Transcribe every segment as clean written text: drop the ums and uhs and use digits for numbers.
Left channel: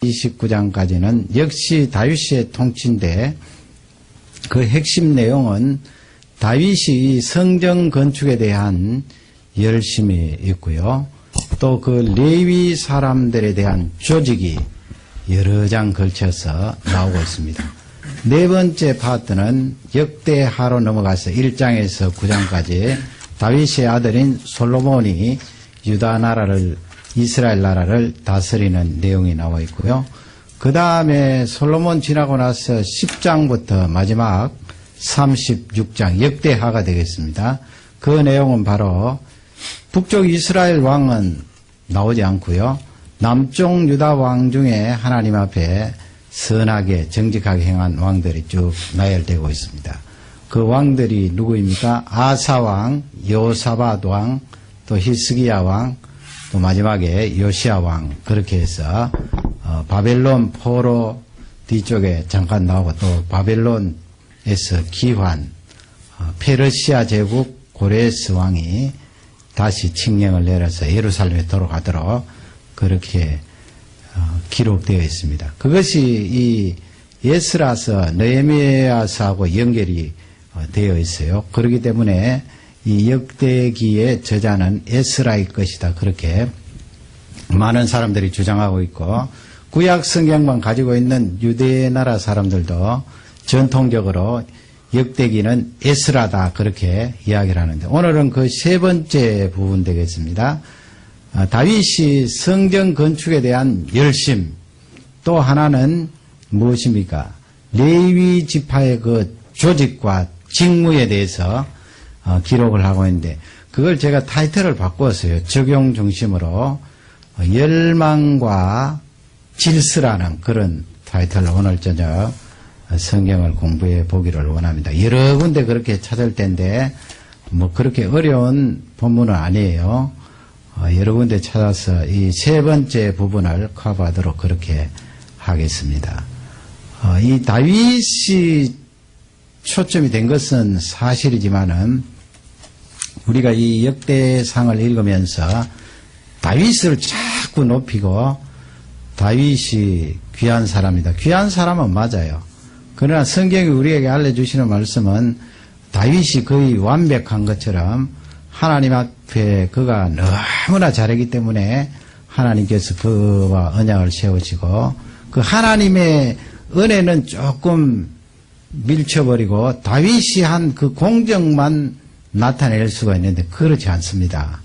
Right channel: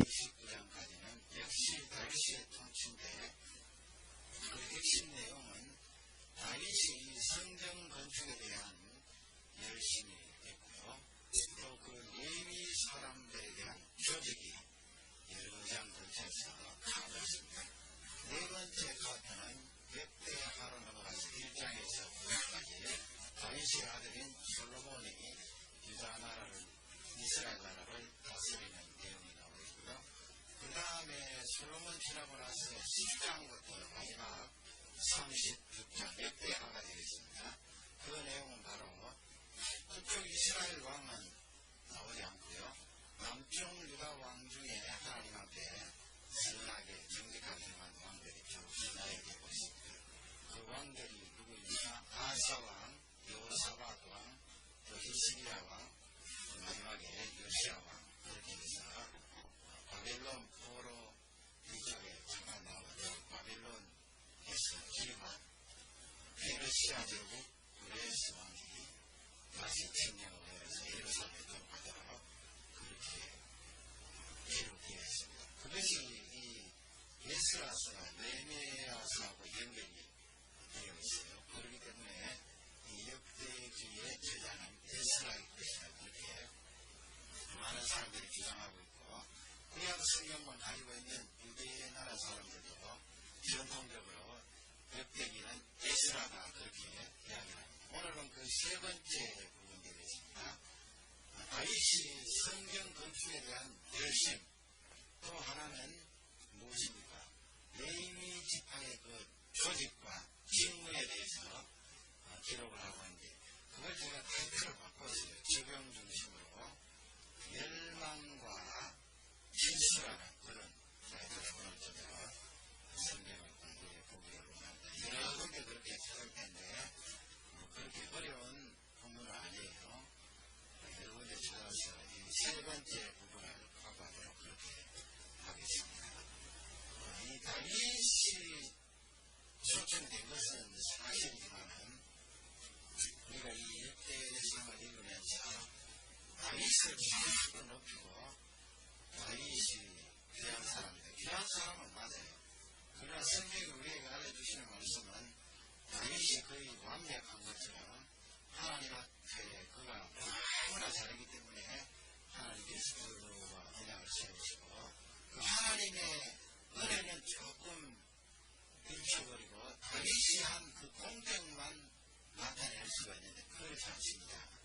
29장까지는 역시 다윗의 통치인데 그 핵심 내용은 다윗이 성전 건축에 대한 열심이 있고요. 또 그 레위 사람들에 대한 조직이 여러 장 걸쳐서 나오고 있습니다. 네 번째 파트는 역대하로 넘어가서 1장에서 9장까지 다윗의 아들인 솔로몬이 유다 나라를 이스라엘 나라를 다스리는 내용이 나와 있고요. 그 다음에 솔로몬 지나고 나서 10장부터 마지막 36장 역대하가 되겠습니다. 그 내용은 바로 북쪽 이스라엘 왕은 나오지 않고요. 남쪽 유다 왕 중에 하나님 앞에 선하게 정직하게 행한 왕들이 쭉 나열되고 있습니다. 그 왕들이 누구입니까? 아사 왕, 여호사밧 왕, 또 히스기야 왕, 또 마지막에 요시야 왕, 그렇게 해서 바벨론 포로 뒤쪽에 잠깐 나오고 또 바벨론에서 기환, 페르시아 제국 고레스 왕이 다시 칙령을 내려서 예루살렘에 돌아가도록 그렇게 기록되어 있습니다. 그것이 이 에스라서 느헤미야서하고 연결이 되어 있어요. 그렇기 때문에 이 역대기의 저자는 에스라의 것이다. 그렇게 많은 사람들이 주장하고 있고 구약 성경만 가지고 있는 유대 나라 사람들도 전통적으로 역대기는 에스라다 그렇게 이야기를 하는데 오늘은 그 세 번째 부분 되겠습니다. 다윗이 성전 건축에 대한 열심, 또 하나는 무엇입니까? 레위 지파의 그 조직과 직무에 대해서 기록을 하고 있는데 그걸 제가 타이틀을 바꾸었어요. 적용 중심으로 열망과 질서라는 그런 타이틀로 오늘 저녁 성경을 공부해 보기를 원합니다. 여러 군데 그렇게 찾을 텐데 뭐 그렇게 어려운 본문은 아니에요. 여러 군데 찾아서 이 세 번째 부분을 커버하도록 그렇게 하겠습니다. 이 다윗이 초점이 된 것은 사실이지만은 우리가 이 역대상을 읽으면서 다윗을 자꾸 높이고 다윗이 귀한 사람이다. 귀한 사람은 맞아요. 그러나 성경이 우리에게 알려주시는 말씀은 다윗이 거의 완벽한 것처럼 하나님 앞에 그가 너무나 잘했기 때문에 하나님께서 그와 언약을 세우시고 그 하나님의 은혜는 조금 밀쳐버리고 다윗이 한 그 공적만 나타낼 수가 있는데 그렇지 않습니다.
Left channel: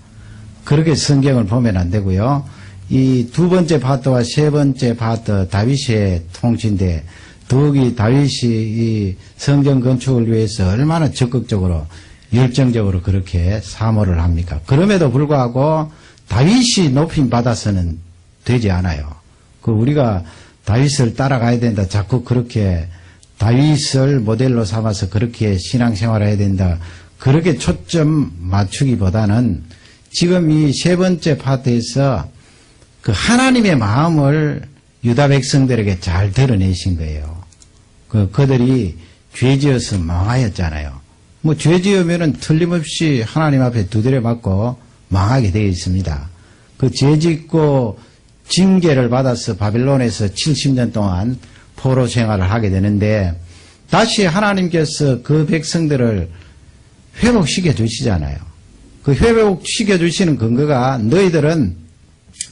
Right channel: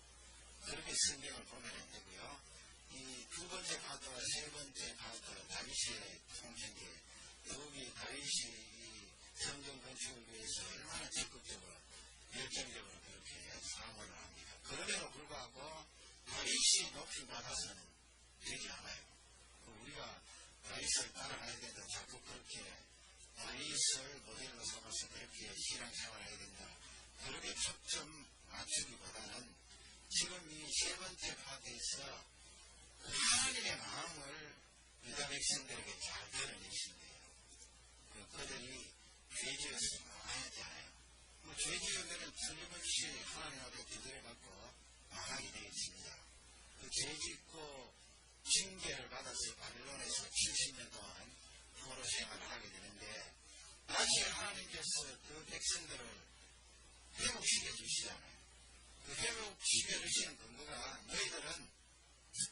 그렇게 성경을 보면 안 되고요. 이 두 번째 파트와 세 번째 파트 다윗의 통치인데 더욱이 다윗이 이 성전 건축을 위해서 얼마나 적극적으로 열정적으로 그렇게 사모를 합니까? 그럼에도 불구하고 다윗이 높임 받아서는 되지 않아요. 그 우리가 다윗을 따라가야 된다. 자꾸 그렇게 다윗을 모델로 삼아서 그렇게 신앙생활을 해야 된다. 그렇게 초점 맞추기보다는 지금 이 세 번째 파트에서 그 하나님의 마음을 유다 백성들에게 잘 드러내신 거예요. 그들이 죄지어서 망하였잖아요. 뭐 죄지으면은 틀림없이 하나님 앞에 두드려 맞고 망하게 되어 있습니다. 그 죄짓고 징계를 받아서 바벨론에서 70년 동안 포로 생활을 하게 되는데 다시 하나님께서 그 백성들을 회복시켜 주시잖아요. 그 회복시켜 주시는 근거가 너희들은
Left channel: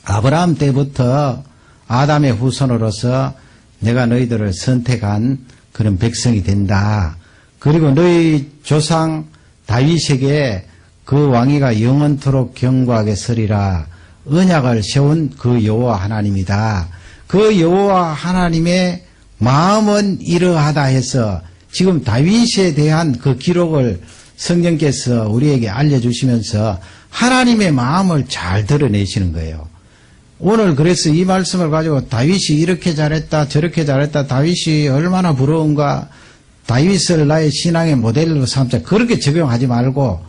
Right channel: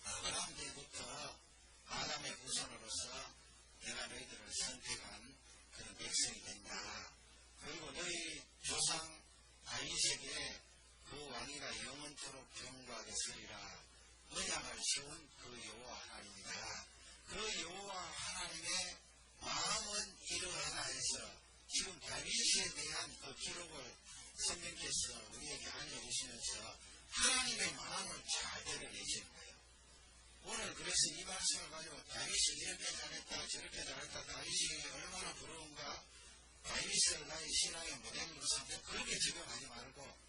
아브라함 때부터 아담의 후손으로서 내가 너희들을 선택한 그런 백성이 된다. 그리고 너희 조상 다윗에게 그 왕위가 영원토록 견고하게 서리라. 언약을 세운 그 여호와 하나님이다. 그 여호와 하나님의 마음은 이러하다 해서 지금 다윗에 대한 그 기록을 성경께서 우리에게 알려주시면서 하나님의 마음을 잘 드러내시는 거예요. 오늘 그래서 이 말씀을 가지고 다윗이 이렇게 잘했다 저렇게 잘했다 다윗이 얼마나 부러운가 다윗을 나의 신앙의 모델로 삼자 그렇게 적용하지 말고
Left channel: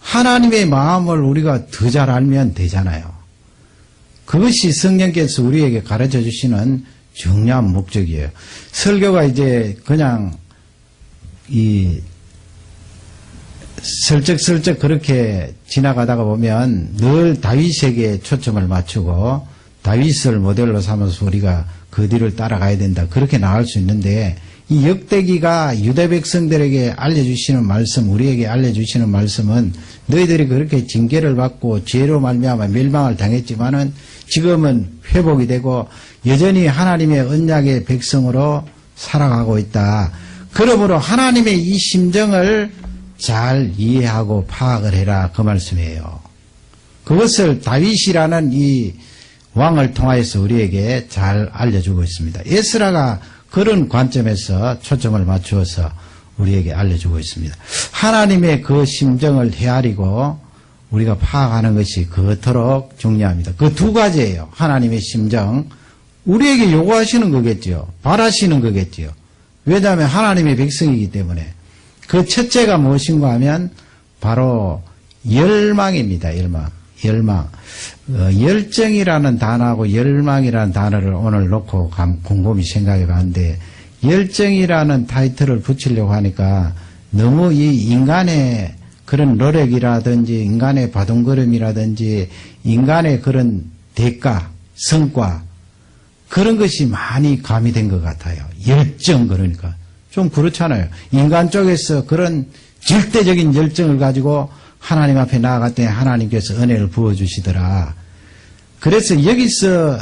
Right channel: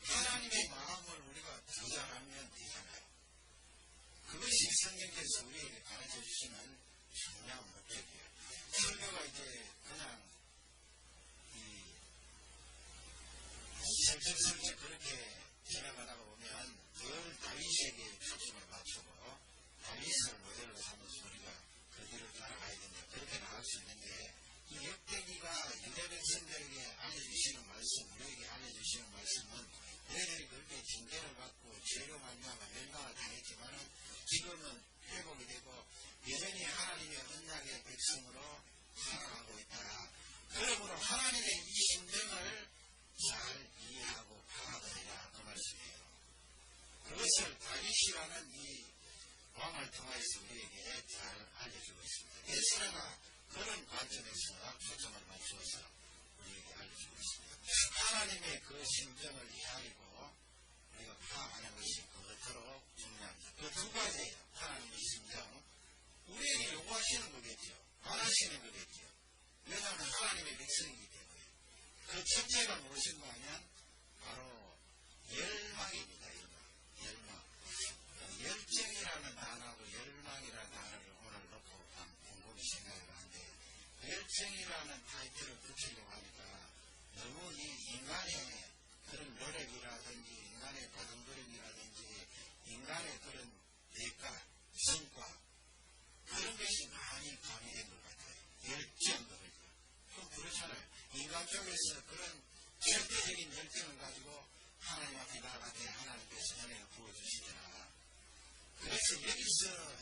하나님의 마음을 우리가 더 잘 알면 되잖아요. 그것이 성령께서 우리에게 가르쳐 주시는 중요한 목적이에요. 설교가 이제 그냥 슬쩍슬쩍 그렇게 지나가다가 보면 늘 다윗에게 초점을 맞추고 다윗을 모델로 삼아서 우리가 그 뒤를 따라가야 된다. 그렇게 나갈 수 있는데 이 역대기가 유대 백성들에게 알려주시는 말씀, 우리에게 알려주시는 말씀은 너희들이 그렇게 징계를 받고 죄로 말미암아 멸망을 당했지만은 지금은 회복이 되고 여전히 하나님의 언약의 백성으로 살아가고 있다. 그러므로 하나님의 이 심정을 잘 이해하고 파악을 해라. 그 말씀이에요. 그것을 다윗이라는 이 왕을 통하여서 우리에게 잘 알려주고 있습니다. 에스라가 그런 관점에서 초점을 맞추어서 우리에게 알려주고 있습니다. 하나님의 그 심정을 헤아리고 우리가 파악하는 것이 그토록 중요합니다. 그 두 가지예요. 하나님의 심정, 우리에게 요구하시는 거겠지요. 바라시는 거겠지요. 왜냐하면 하나님의 백성이기 때문에. 그 첫째가 무엇인가 하면 바로 열망입니다. 열망. 열정이라는 단어하고 열망이라는 단어를 오늘 놓고 곰곰이 생각해 봤는데, 열정이라는 타이틀을 붙이려고 하니까 너무 이 인간의 그런 노력이라든지 인간의 바둥걸음이라든지 인간의 그런 대가, 성과, 그런 것이 많이 가미된 것 같아요. 열정, 그러니까. 좀 그렇잖아요. 인간 쪽에서 그런 절대적인 열정을 가지고 하나님 앞에 나아갔더니 하나님께서 은혜를 부어주시더라. 그래서 여기서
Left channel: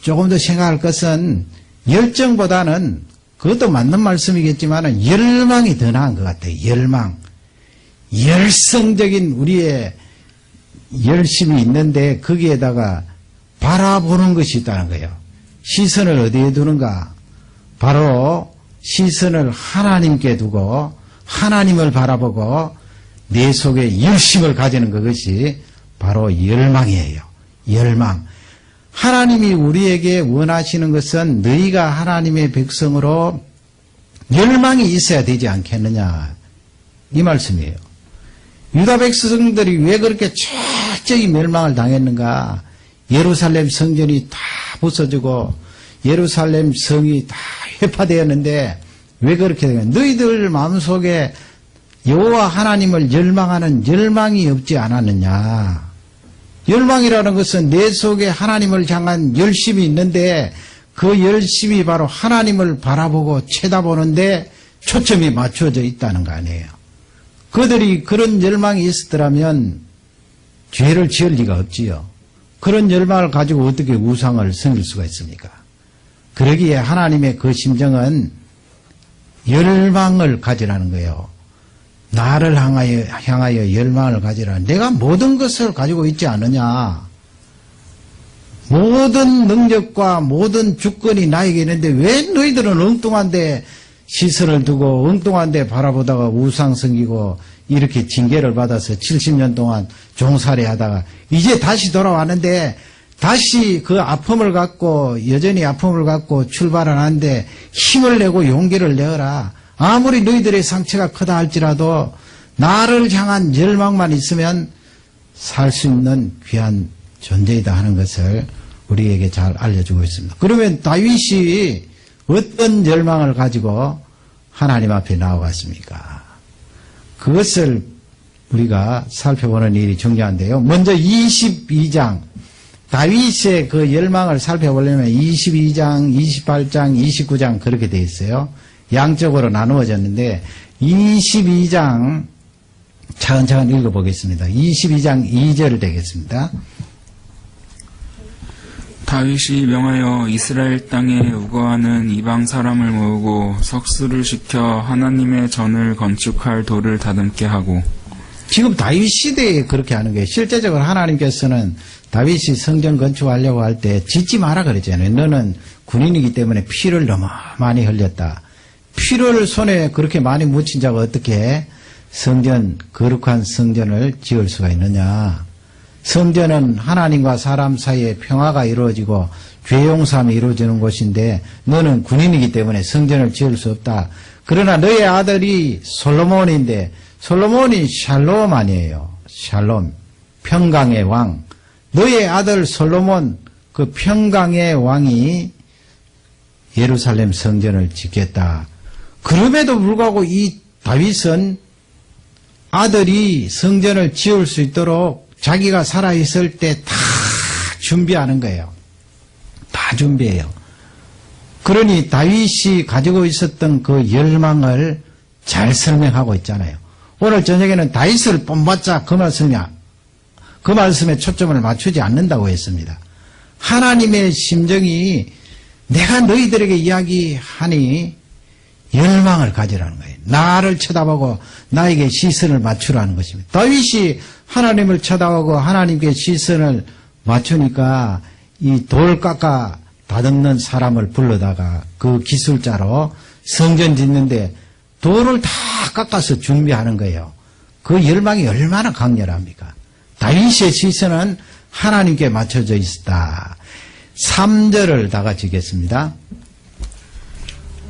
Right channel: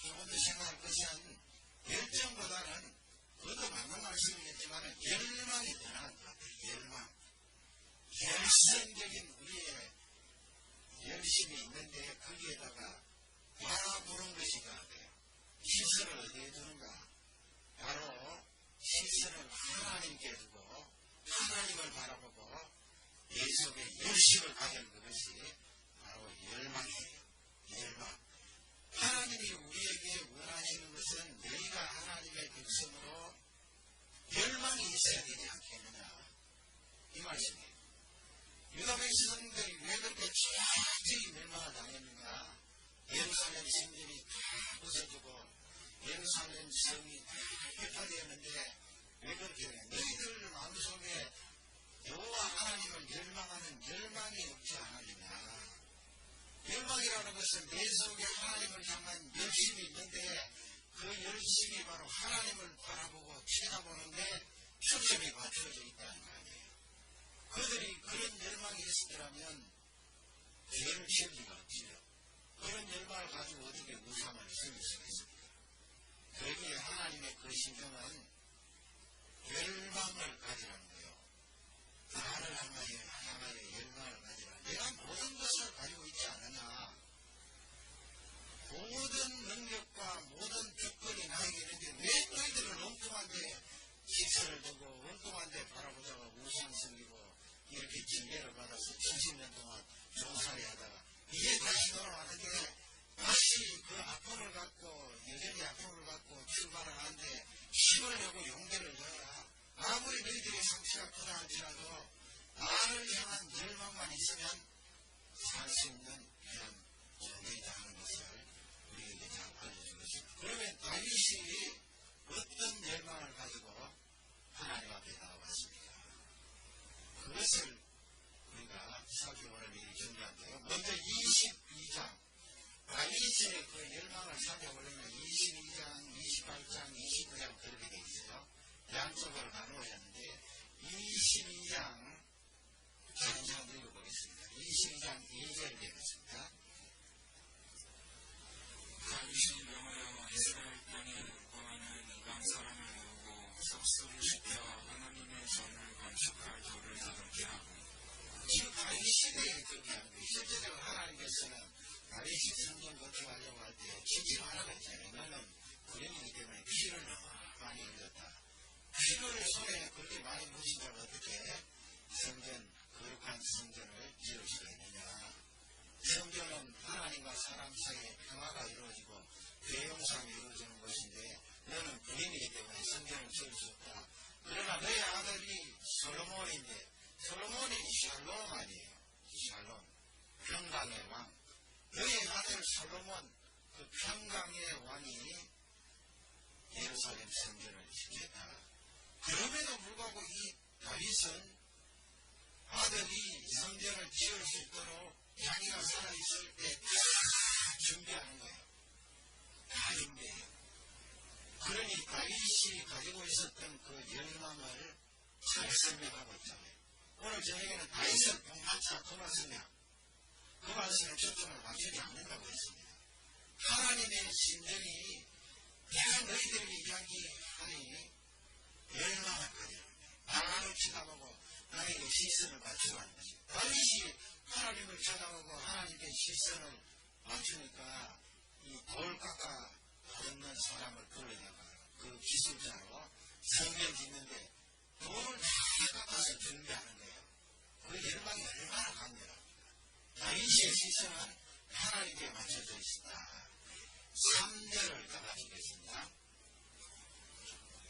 조금 더 생각할 것은 열정보다는 그것도 맞는 말씀이겠지만 열망이 더 나은 것 같아요. 열망. 열성적인 우리의 열심이 있는데 거기에다가 바라보는 것이 있다는 거예요. 시선을 어디에 두는가? 바로 시선을 하나님께 두고 하나님을 바라보고 내 속에 열심을 가지는 그것이 바로 열망이에요. 열망. 하나님이 우리에게 원하시는 것은 너희가 하나님의 백성으로 열망이 있어야 되지 않겠느냐, 이 말씀이에요. 유다 백성들이 왜 그렇게 철저히 멸망을 당했는가? 예루살렘 성전이 다 부서지고 예루살렘 성이 다 회파되었는데 왜 그렇게 된 거야? 너희들 마음속에 여호와 하나님을 열망하는 열망이 없지 않았느냐? 열망이라는 것은 내 속에 하나님을 향한 열심이 있는데 그 열심이 바로 하나님을 바라보고 쳐다보는데 초점이 맞춰져 있다는 거 아니에요. 그들이 그런 열망이 있었더라면 죄를 지을 리가 없지요. 그런 열망을 가지고 어떻게 우상을 섬길 수가 있습니까? 그러기에 하나님의 그 심정은 열망을 가지라는 거예요. 나를 향하여 열망을 가지라. 내가 모든 것을 가지고 있지 않느냐. 모든 능력과 모든 주권이 나에게 있는데 왜 너희들은 엉뚱한데 시선을 두고 엉뚱한데 바라보다가 우상 섬기고 이렇게 징계를 받아서 70년 동안 종살이 하다가 이제 다시 돌아왔는데 다시 그 아픔을 갖고 여전히 아픔을 갖고 출발을 하는데 힘을 내고 용기를 내어라. 아무리 너희들의 상처가 크다 할지라도 나를 향한 열망만 있으면 살 수 있는 귀한 존재이다 하는 것을 우리에게 잘 알려주고 있습니다. 그러면 다윗이 어떤 열망을 가지고 하나님 앞에 나와갔습니까? 그것을 우리가 살펴보는 일이 중요한데요. 먼저 22장, 다윗의 그 열망을 살펴보려면 22장, 28장, 29장 그렇게 되어 있어요. 양쪽으로 나누어졌는데 22장 차근차근 읽어보겠습니다. 22장 2절 되겠습니다. 다윗이 명하여 이스라엘 땅에 우거하는 이방 사람을 모으고 석수를 시켜 하나님의 전을 건축할 돌을 다듬게 하고. 지금 다윗 시대에 그렇게 하는 거예요. 실제적으로 하나님께서는 다윗이 성전 건축하려고 할 때 짓지 마라 그랬잖아요. 너는 군인이기 때문에 피를 너무 많이 흘렸다. 피를 손에 그렇게 많이 묻힌 자가 어떻게 성전, 거룩한 성전을 지을 수가 있느냐. 성전은 하나님과 사람 사이에 평화가 이루어지고 죄용삼이 이루어지는 곳인데 너는 군인이기 때문에 성전을 지을 수 없다. 그러나 너의 아들이 솔로몬인데 솔로몬이 샬롬 아니에요. 샬롬. 평강의 왕. 너의 아들 솔로몬 그 평강의 왕이 예루살렘 성전을 짓겠다. 그럼에도 불구하고 이 다윗은 아들이 성전을 지을 수 있도록 자기가 살아있을 때 다 준비하는 거예요. 다 준비해요. 그러니 다윗이 가지고 있었던 그 열망을 잘 설명하고 있잖아요. 오늘 저녁에는 다윗을 본받자 그 말씀에 초점을 맞추지 않는다고 했습니다. 하나님의 심정이 내가 너희들에게 이야기하니 열망을 가지라는 거예요. 나를 쳐다보고 나에게 시선을 맞추라는 것입니다. 다윗이 하나님을 쳐다보고 하나님께 시선을 맞추니까 이 돌 깎아 다듬는 사람을 불러다가 그 기술자로 성전 짓는데 돌을 다 깎아서 준비하는 거예요. 그 열망이 얼마나 강렬합니까? 다윗의 시선은 하나님께 맞춰져 있다. 3절을 다 같이 읽겠습니다.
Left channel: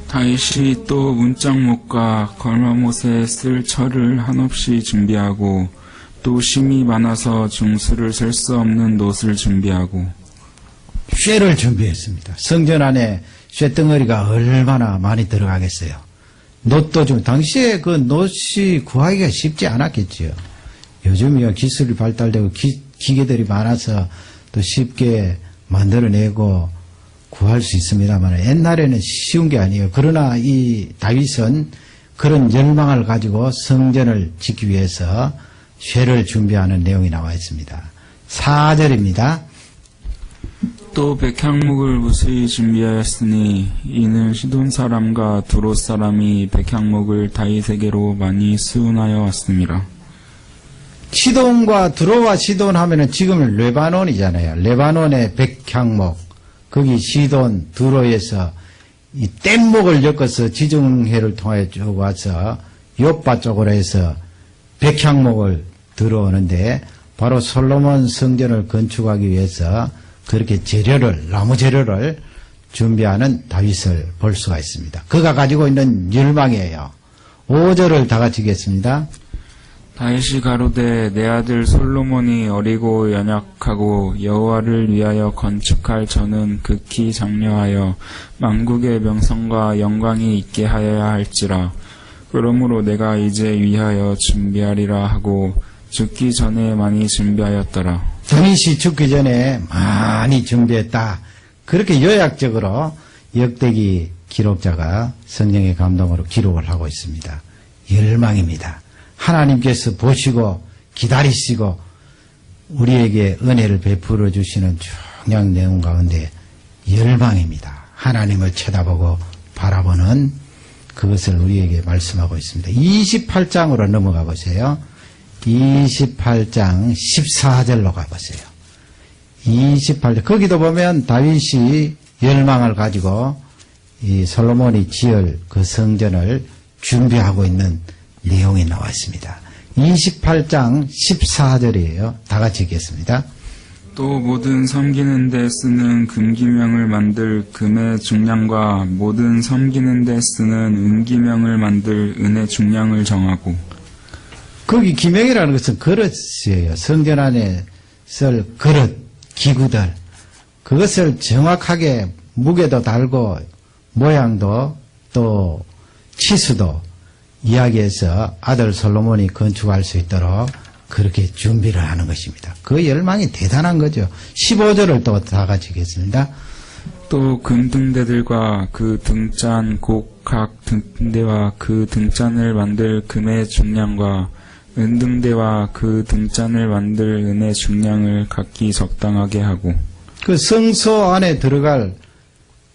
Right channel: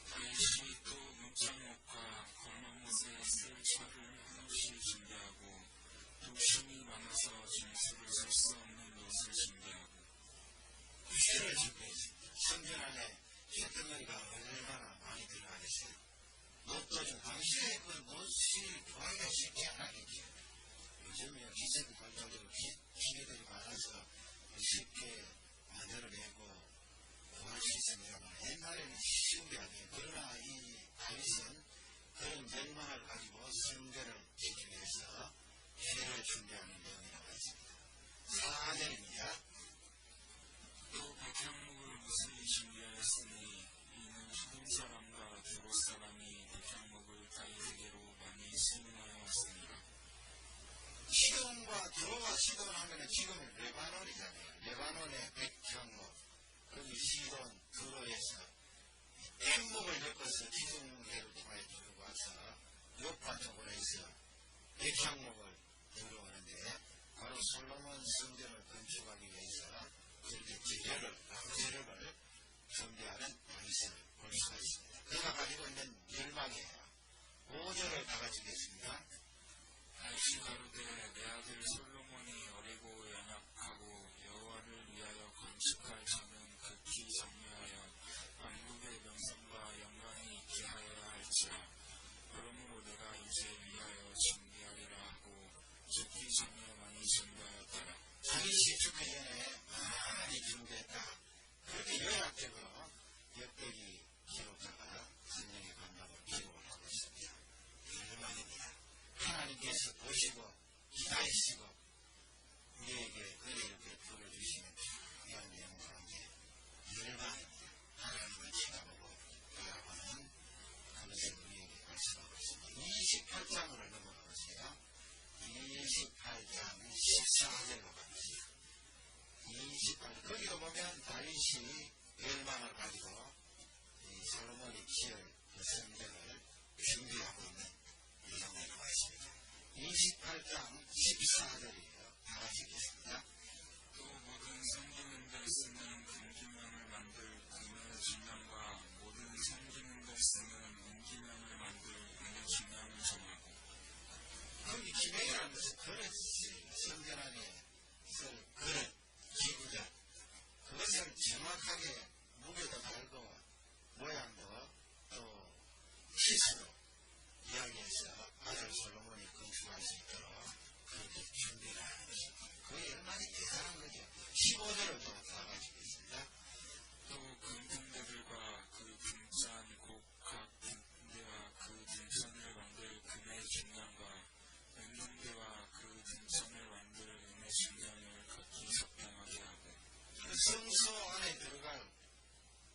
다윗이 또 문짝목과 걸마못에 쓸 철을 한없이 준비하고 또 심이 많아서 중수를 셀 수 없는 놋을 준비하고 쇠를 준비했습니다. 성전 안에 쇠덩어리가 얼마나 많이 들어가겠어요. 놋도 좀 당시에 그 놋이 구하기가 쉽지 않았겠지요. 요즘이야 기술이 발달되고 기계들이 많아서 또 쉽게 만들어내고 구할 수 있습니다만 옛날에는 쉬운 게 아니에요. 그러나 이 다윗은 그런 열망을 가지고 성전을 짓기 위해서 쇠를 준비하는 내용이 나와 있습니다. 4절입니다. 또 백향목을 무수히 준비하였으니 이는 시돈 사람과 두롯 사람이 백향목을 다윗에게로 많이 수운하여 왔습니다. 시돈과 두로와 시돈 하면은 지금은 레바논이잖아요. 레바논의 백향목, 거기 시돈, 두로에서 이 뗏목을 엮어서 지중해를 통해 쭉 와서 요빠 쪽으로 해서 백향목을 들어오는데 바로 솔로몬 성전을 건축하기 위해서 그렇게 나무 재료를 준비하는 다윗을 볼 수가 있습니다. 그가 가지고 있는 열망이에요. 5절을 다 같이 읽겠습니다. 다윗이 가로되 내 아들 솔로몬이 어리고 연약하고 여호와를 위하여 건축할 전은 극히 장려하여 만국의 명성과 영광이 있게 하여야 할지라. 그러므로 내가 이제 위하여 준비하리라 하고 죽기 전에 많이 준비하였더라. 다윗이 죽기 전에 많이 준비했다. 그렇게 요약적으로 역대기 기록자가 성령의 감동으로 기록을 하고 있습니다. 열망입니다. 하나님께서 보시고 기다리시고 우리에게 은혜를 베풀어 주시는 중요한 내용 가운데 열망입니다. 하나님을 쳐다보고 바라보는 그것을 우리에게 말씀하고 있습니다. 28장으로 넘어가 보세요. 28장 14절로 가보세요. 28절 거기도 보면 다윗이 열망을 가지고 이 솔로몬이 지을 그 성전을 준비하고 있는 내용이 나와 있습니다. 28장 14절이에요. 다 같이 읽겠습니다. 또 모든 섬기는 데 쓰는 금기명을 만들 금의 중량과 모든 섬기는 데 쓰는 은기명을 만들 은의 중량을 정하고. 거기 기명이라는 것은 그릇이에요. 성전 안에 쓸 그릇, 기구들. 그것을 정확하게 무게도 달고 모양도 또 치수도 이야기해서 아들 솔로몬이 건축할 수 있도록 그렇게 준비를 하는 것입니다. 그 열망이 대단한 거죠. 15절을 또 다 같이 읽겠습니다. 또 금등대들과 그 등잔 곧 각 등대와 그 등잔을 만들 금의 중량과 은등대와 그 등잔을 만들 은의 중량을 각기 적당하게 하고. 그 성소 안에 들어갈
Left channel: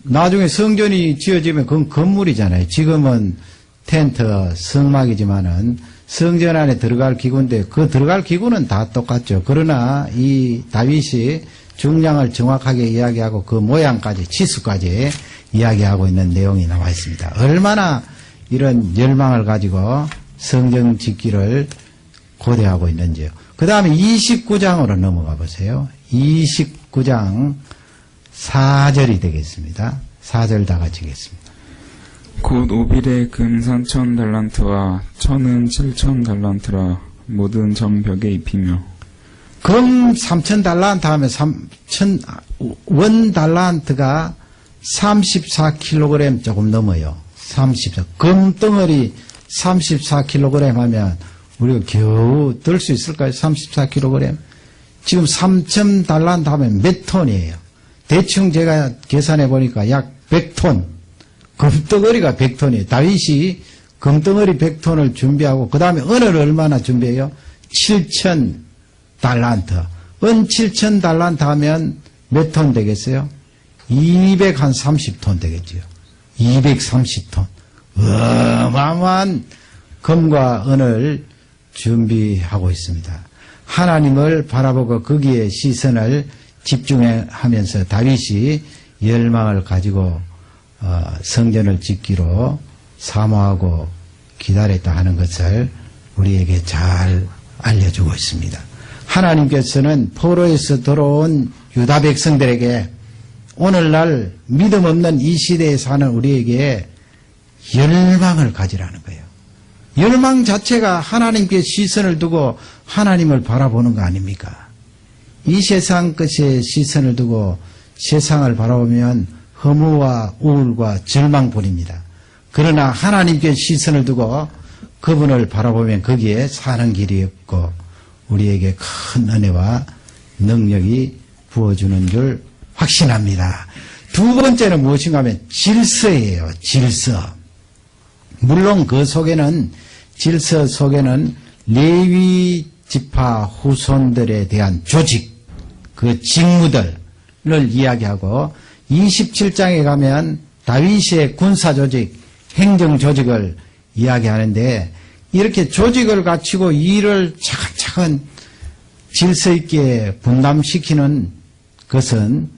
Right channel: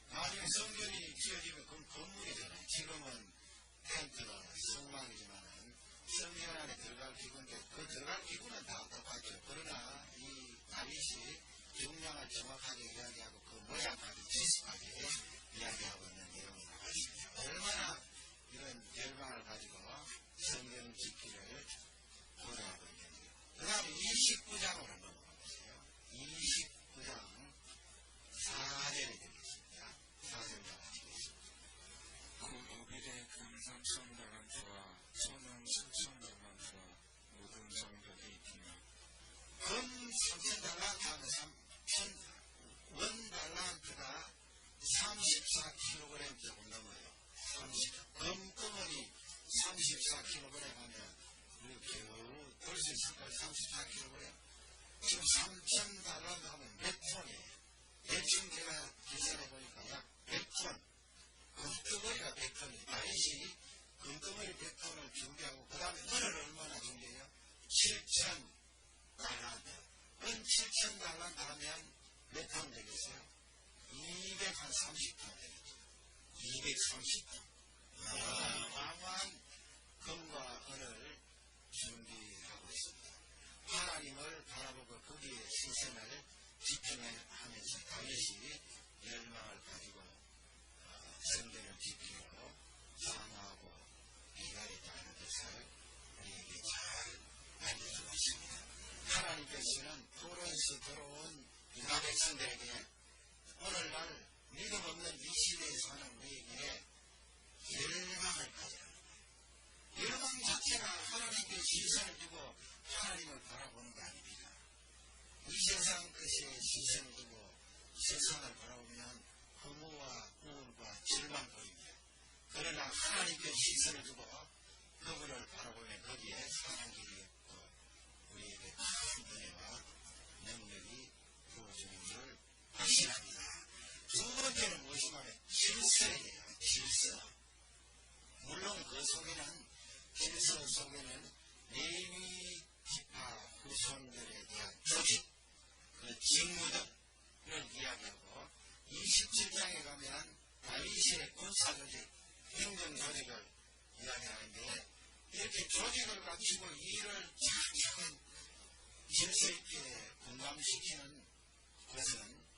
나중에 성전이 지어지면 그건 건물이잖아요. 지금은 텐트, 성막이지만은 성전 안에 들어갈 기구인데 그 들어갈 기구는 다 똑같죠. 그러나 이 다윗이 중량을 정확하게 이야기하고 그 모양까지, 치수까지 이야기하고 있는 내용이 나와 있습니다. 얼마나 이런 열망을 가지고 성전 짓기를 고대하고 있는지요. 그 다음에 29장으로 넘어가 보세요. 29장 4절이 되겠습니다. 4절 다 같이 읽겠습니다. 곧 오빌의 금 3,000달란트와 천은 7,000달란트라 모든 정벽에 입히며. 금 3,000달란트 하면 원 달란트가 34kg 조금 넘어요. 금덩어리 34kg 하면 우리가 겨우 들 수 있을까요? 34kg. 지금 3,000달란트 하면 몇 톤이에요? 대충 제가 계산해 보니까 약 100톤, 금덩어리가 100톤이에요. 다윗이 금덩어리 100톤을 준비하고 그 다음에 은을 얼마나 준비해요? 7천 달란트. 은 7천 달란트 하면 몇 톤 되겠어요? 230톤 되겠죠. 230톤. 어마어마한 금과 은을 준비하고 있습니다. 하나님을 바라보고 거기에 시선을 집중하면서 다윗이 열망을 가지고 성전을 짓기로 사모하고 기다렸다 하는 것을 우리에게 잘 알려주고 있습니다. 하나님께서는 포로에서 들어온 유다 백성들에게 오늘날 믿음 없는 이 시대에 사는 우리에게 열망을 가지라는 거예요. 열망 자체가 하나님께 시선을 두고 하나님을 바라보는 거 아닙니까? 이 세상 것에 시선을 두고 세상을 바라보면 허무와 우울과 절망뿐입니다. 그러나 하나님께 시선을 두고 그분을 바라보면 거기에 사는 길이 없고 우리에게 큰 은혜와 능력이 부어주는 줄 확신합니다. 두 번째는 무엇인가 하면 질서예요. 질서. 물론 그 속에는 질서 속에는 레위 지파 후손들에 대한 조직, 그 직무들을 이야기하고 27장에 가면 다윗의 군사 조직, 행정 조직을 이야기하는데 이렇게 조직을 갖추고 일을 차근차근 질서 있게 분담시키는 것은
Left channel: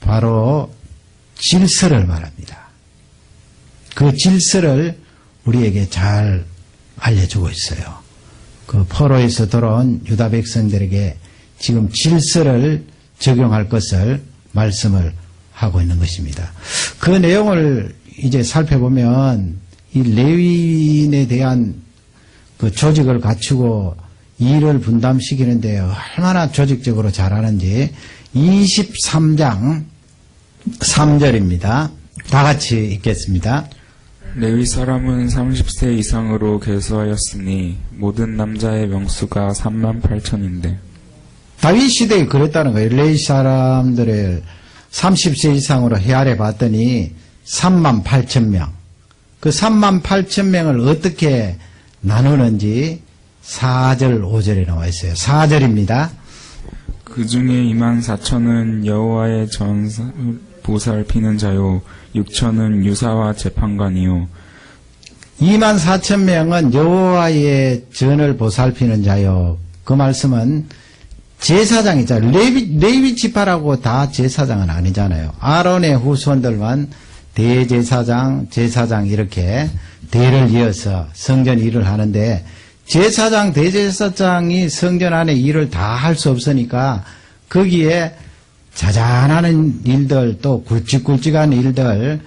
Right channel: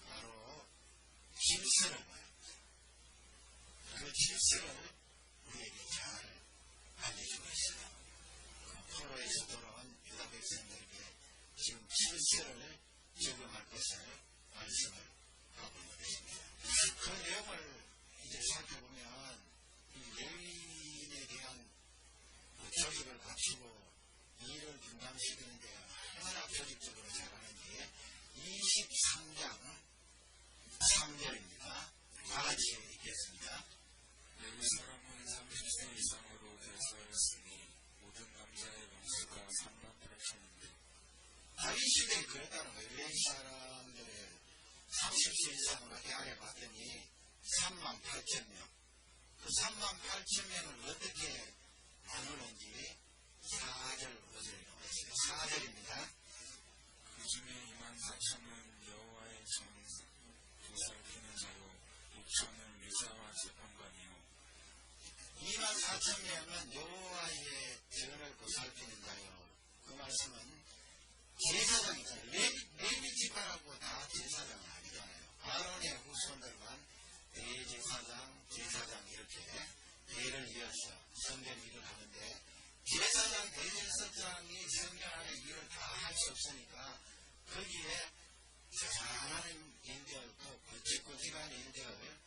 바로 질서를 말합니다. 그 질서를 우리에게 잘 알려주고 있어요. 그 포로에서 돌아온 유다 백성들에게 지금 질서를 적용할 것을 말씀을 하고 있는 것입니다. 그 내용을 이제 살펴보면 이 레위인에 대한 그 조직을 갖추고 일을 분담시키는데 얼마나 조직적으로 잘하는지 23장 3절입니다. 다 같이 읽겠습니다. 레위 사람은 30세 이상으로 계수하였으니 모든 남자의 명수가 38,000인데 다윗 시대에 그랬다는 거예요. 레위 사람들을 30세 이상으로 헤아려 봤더니 38,000명. 그 38,000명을 어떻게 나누는지 4절 5절에 나와 있어요. 4절입니다. 그 중에 24,000은 여호와의 전을 보살피는 자요 6,000은 유사와 재판관이요 24,000명은 여호와의 전을 보살피는 자요. 그 말씀은 제사장이잖아요. 레위 지파라고 다 제사장은 아니잖아요. 아론의 후손들만 대제사장, 제사장 이렇게 대를 이어서 성전 일을 하는데 제사장, 대제사장이 성전 안에 일을 다 할 수 없으니까 거기에 자잘하는 일들 또 굵직굵직한 일들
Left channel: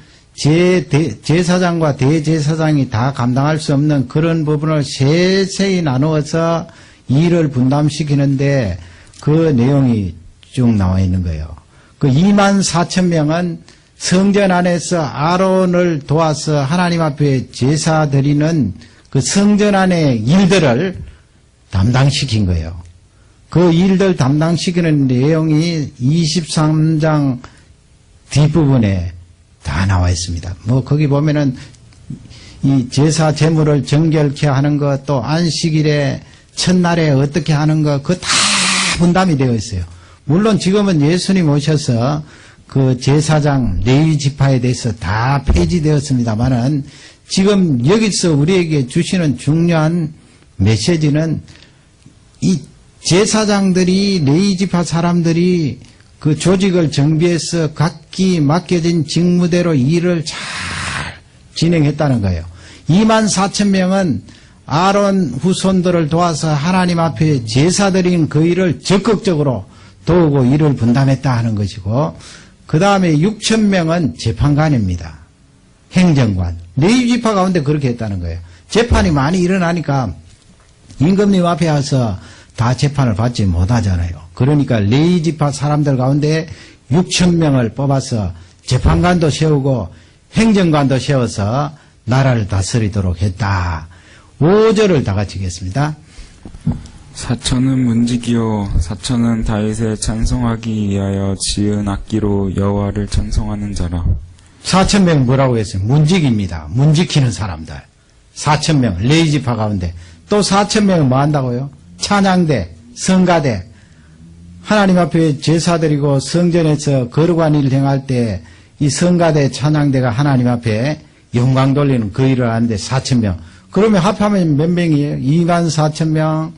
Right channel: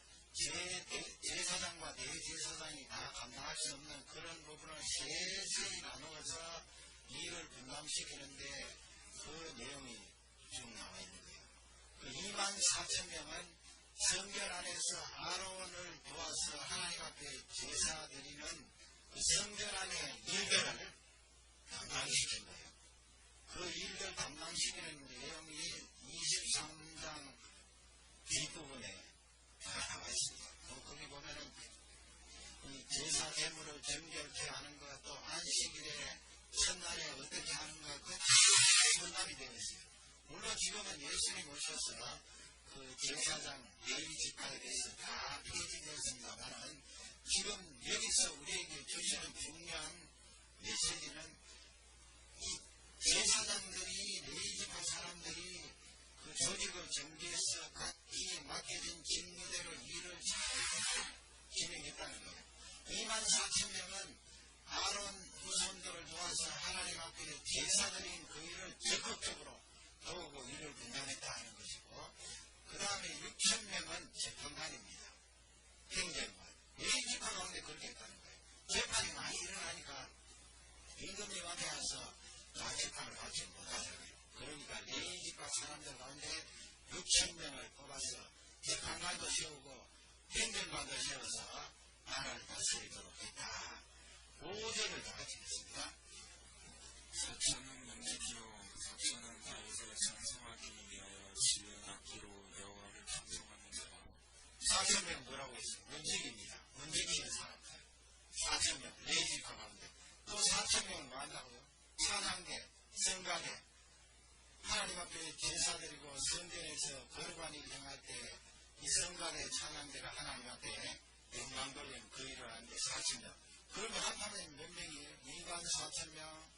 제사장과 대제사장이 다 감당할 수 없는 그런 부분을 세세히 나누어서 일을 분담시키는데 그 내용이 쭉 나와 있는 거예요. 그 24,000명은 성전 안에서 아론을 도와서 하나님 앞에 제사 드리는 그 성전 안의 일들을 담당시킨 거예요. 그 일들 담당시키는 내용이 23장 뒷부분에 다 나와 있습니다. 뭐 거기 보면은 이 제사 제물을 정결케 하는 것 또 안식일에 첫날에 어떻게 하는 것 그거 다 분담이 되어 있어요. 물론 지금은 예수님 오셔서 그 제사장 레위 지파에 대해서 다 폐지되었습니다만은 지금 여기서 우리에게 주시는 중요한 메시지는 이 제사장들이 레위 지파 사람들이 그 조직을 정비해서 각기 맡겨진 직무대로 일을 잘 진행했다는 거예요. 24,000명은 아론 후손들을 도와서 하나님 앞에 제사 드린 그 일을 적극적으로 도우고 일을 분담했다 하는 것이고 그 다음에 6,000명은 재판관입니다. 행정관. 레위 지파 가운데 그렇게 했다는 거예요. 재판이 많이 일어나니까 임금님 앞에 와서 다 재판을 받지 못하잖아요. 그러니까 레위 지파 사람들 가운데 6,000명을 뽑아서 재판관도 세우고 행정관도 세워서 나라를 다스리도록 했다. 5절을 다 같이 읽겠습니다. 4,000은 문지기요 4,000은 다윗의 찬송하기 위하여 지은 악기로 여호와를 찬송하는 자라. 4,000명 뭐라고 했어요? 문직입니다. 문지키는 사람들. 4,000명, 레이지파 가운데. 또 4,000명은 뭐 한다고요? 찬양대, 성가대. 하나님 앞에 제사드리고 성전에서 거룩한 일을 행할 때 이 성가대, 찬양대가 하나님 앞에 영광 돌리는 그 일을 하는데 4,000명. 그러면 합하면 몇 명이에요? 24,000명,